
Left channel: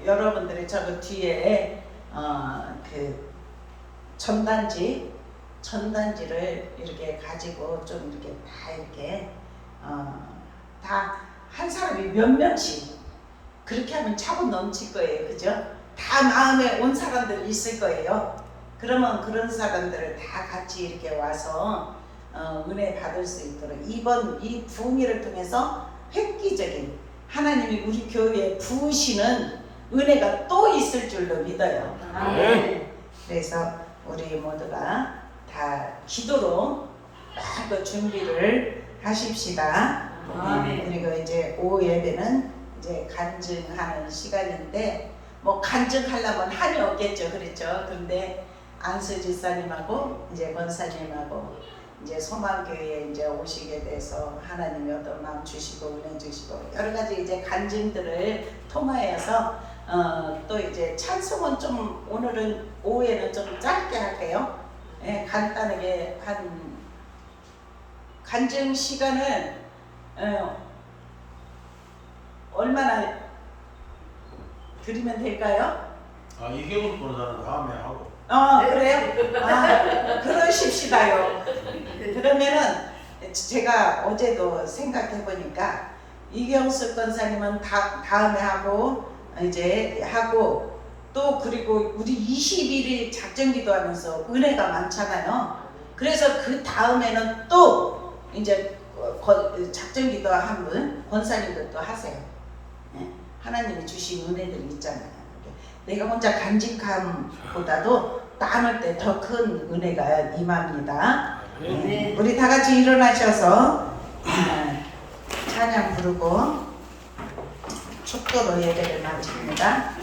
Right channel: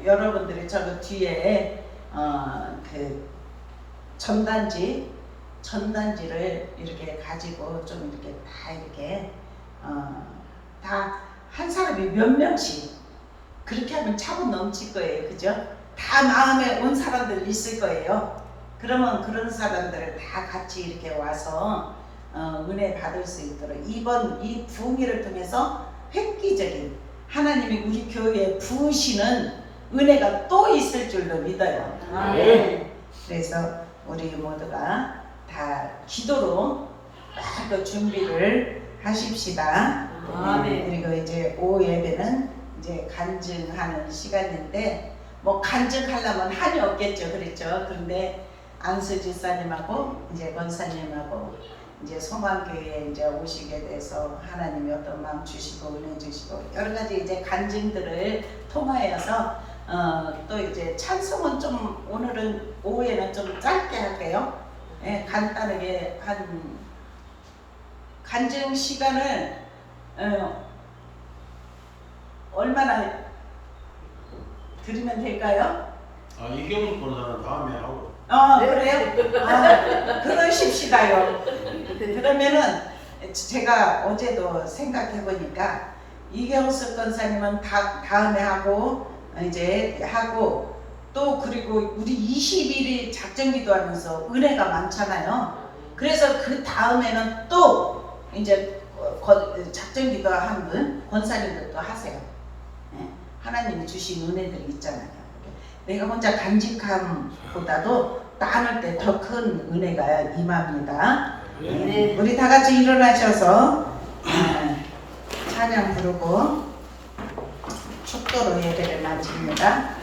여러분들이 저거 뒤에 그 전단지를 이렇게 가지고 좀 이렇게 다 이렇게 다 한 사람이 몇 명씩 그렇게 하면 차분 넘칠 거예요. 그죠? 다 마음에 온 사람들 있을 거예요. 그러면 그런 사람들을 다 같이 이렇게 와서 은혜 받을 수 있도록 이번 이 부흥회를 통해서 획기적인 하나님이 우리 교회에 부으시는 은혜가 또 있을 줄로 믿어요. 그래서 우리 모두가 다 기도로 또 준비를 하십시다. 그리고 이제 오후 예배는 이제 간증하는 시간인데 뭐 간증하려면 한이 없겠죠. 그렇죠? 그런데 안수 집사님하고 이제 권사님하고 이제 소망교회에 이제 오시게 돼서 하나님이 어떤 마음 주시고 은혜 주시고 여러 가지 이제 간증들을 통하여서 또 이제 찬송은 좀 오늘은 오후에는 좀 짧게 할게요. 간단하게 한 간증 시간을 얼마나 드리면 될까요? 이경수 권사는 다음에 하고. 그래요? 그러십시다요. 그러면은 제가 어제도 생각해 보니까 이경수 권사님은 다음에 하고 이제 하고 또 그리고 우리 21일 작정기도 하면서 은혜가 많잖아요. 그래서 그 다음에는 또 이제 작정기도 한 분 권사님도 또 하세요. 하나님이 주신 은혜들이 있잖아요. 내가 혼자 간직함보다도 나눌 때 더 큰 은혜가 임합니다. 우리 다 같이 일어나셔서 찬양 부르고 축도로 예배를 마칩니다.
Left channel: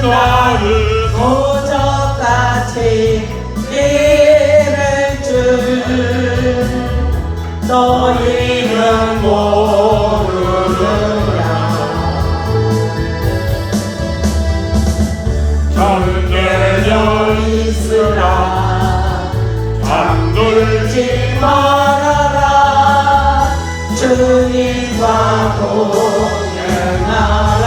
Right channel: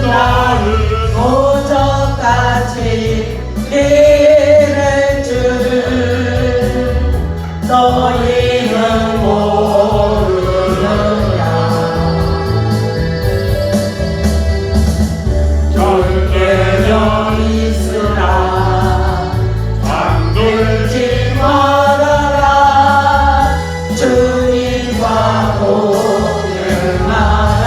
나를 도적같이 예를 줄 너희는 모르느냐 전대적 있으나 안돌지 말아라 주님과 동행하라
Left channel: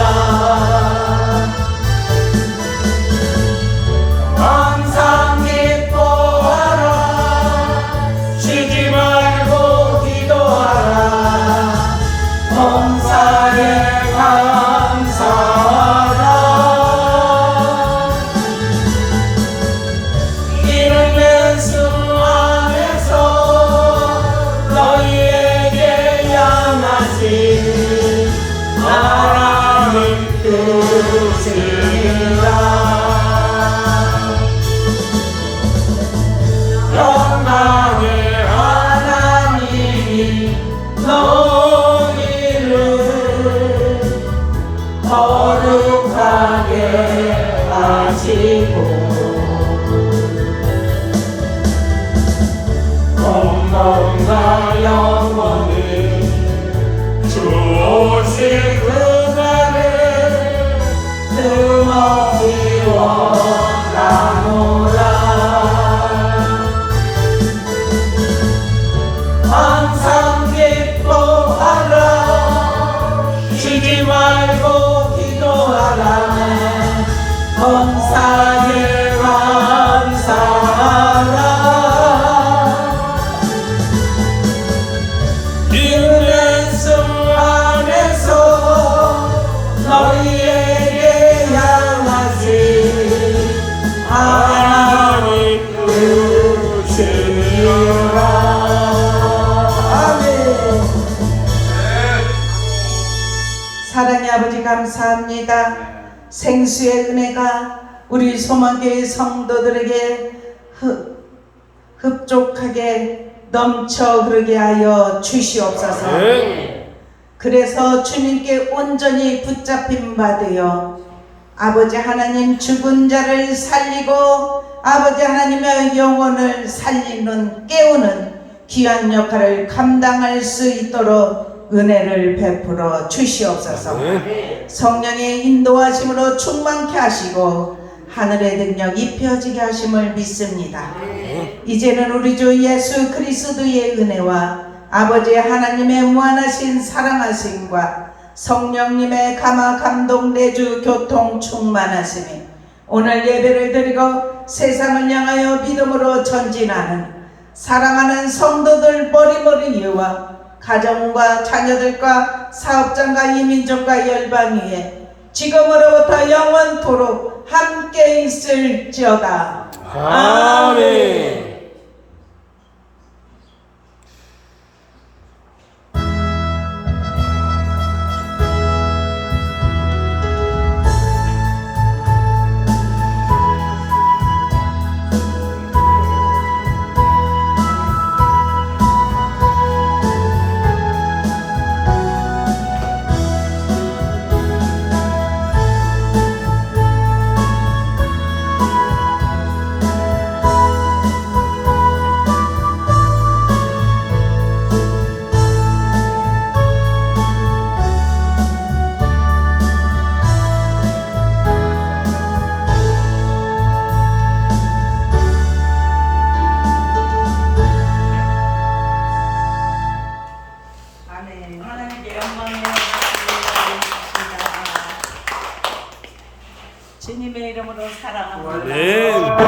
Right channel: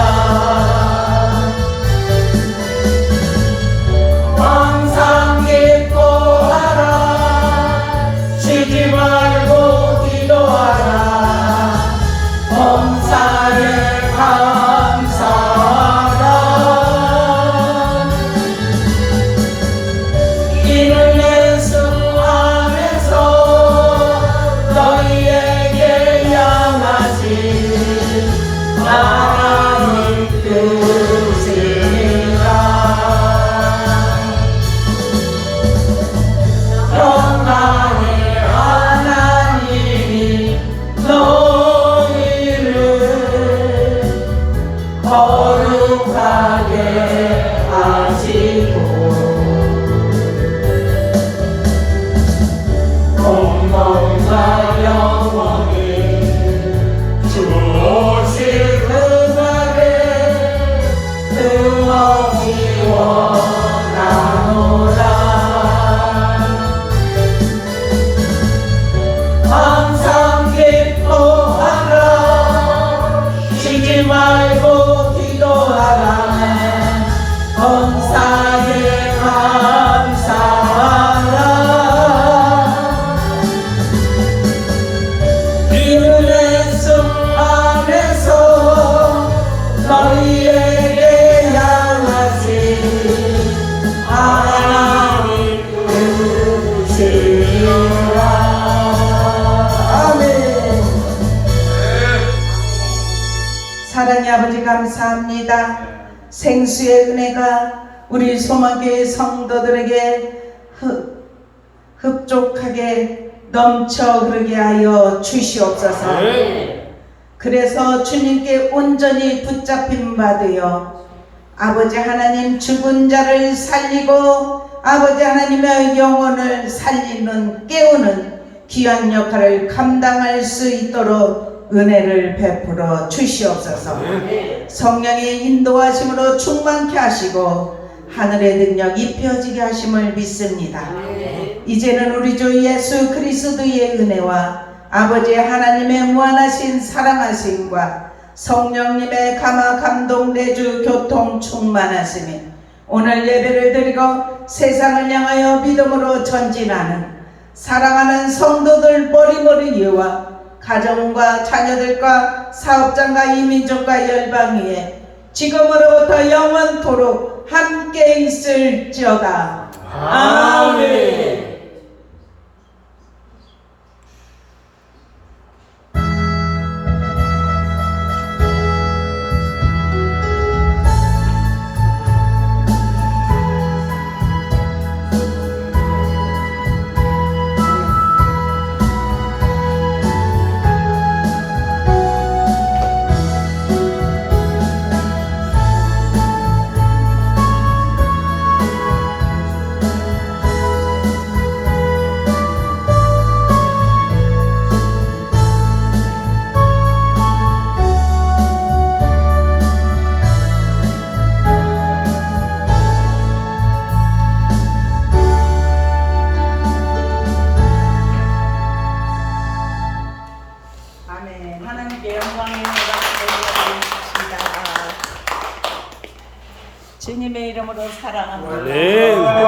항상 기뻐하라 생수의 은혜가 우리 소망교회 성도들에게 흡족하게 넘쳐 흐르게 하여 주시옵소서. 그래서 주님께 온전히 붙잡힘 받으여 아버지 하나님 죽은 자를 살리고 아버지 하나님의 영혼을 살리는 깨우는 귀한 역할을 감당할 수 있도록 은혜를 베풀어 주시옵소서. 성령의 인도하심으로 충만케 하시고 하늘의 능력 입혀지게 하심을 믿습니다. 이제는 우리 주 예수 그리스도의 은혜와 아버지 하나님의 무한하신 사랑하심과 성령님의 감화 감동 내주 교통 충만하심이 오늘 예배를 드리고 세상을 향하여 믿음으로 전진하는 사랑하는 성도들 머리머리와 가정과 자녀들과 사업장과 이민족과 열방 위에 지금으로부터 영원토록 함께 있을지어다. 아멘.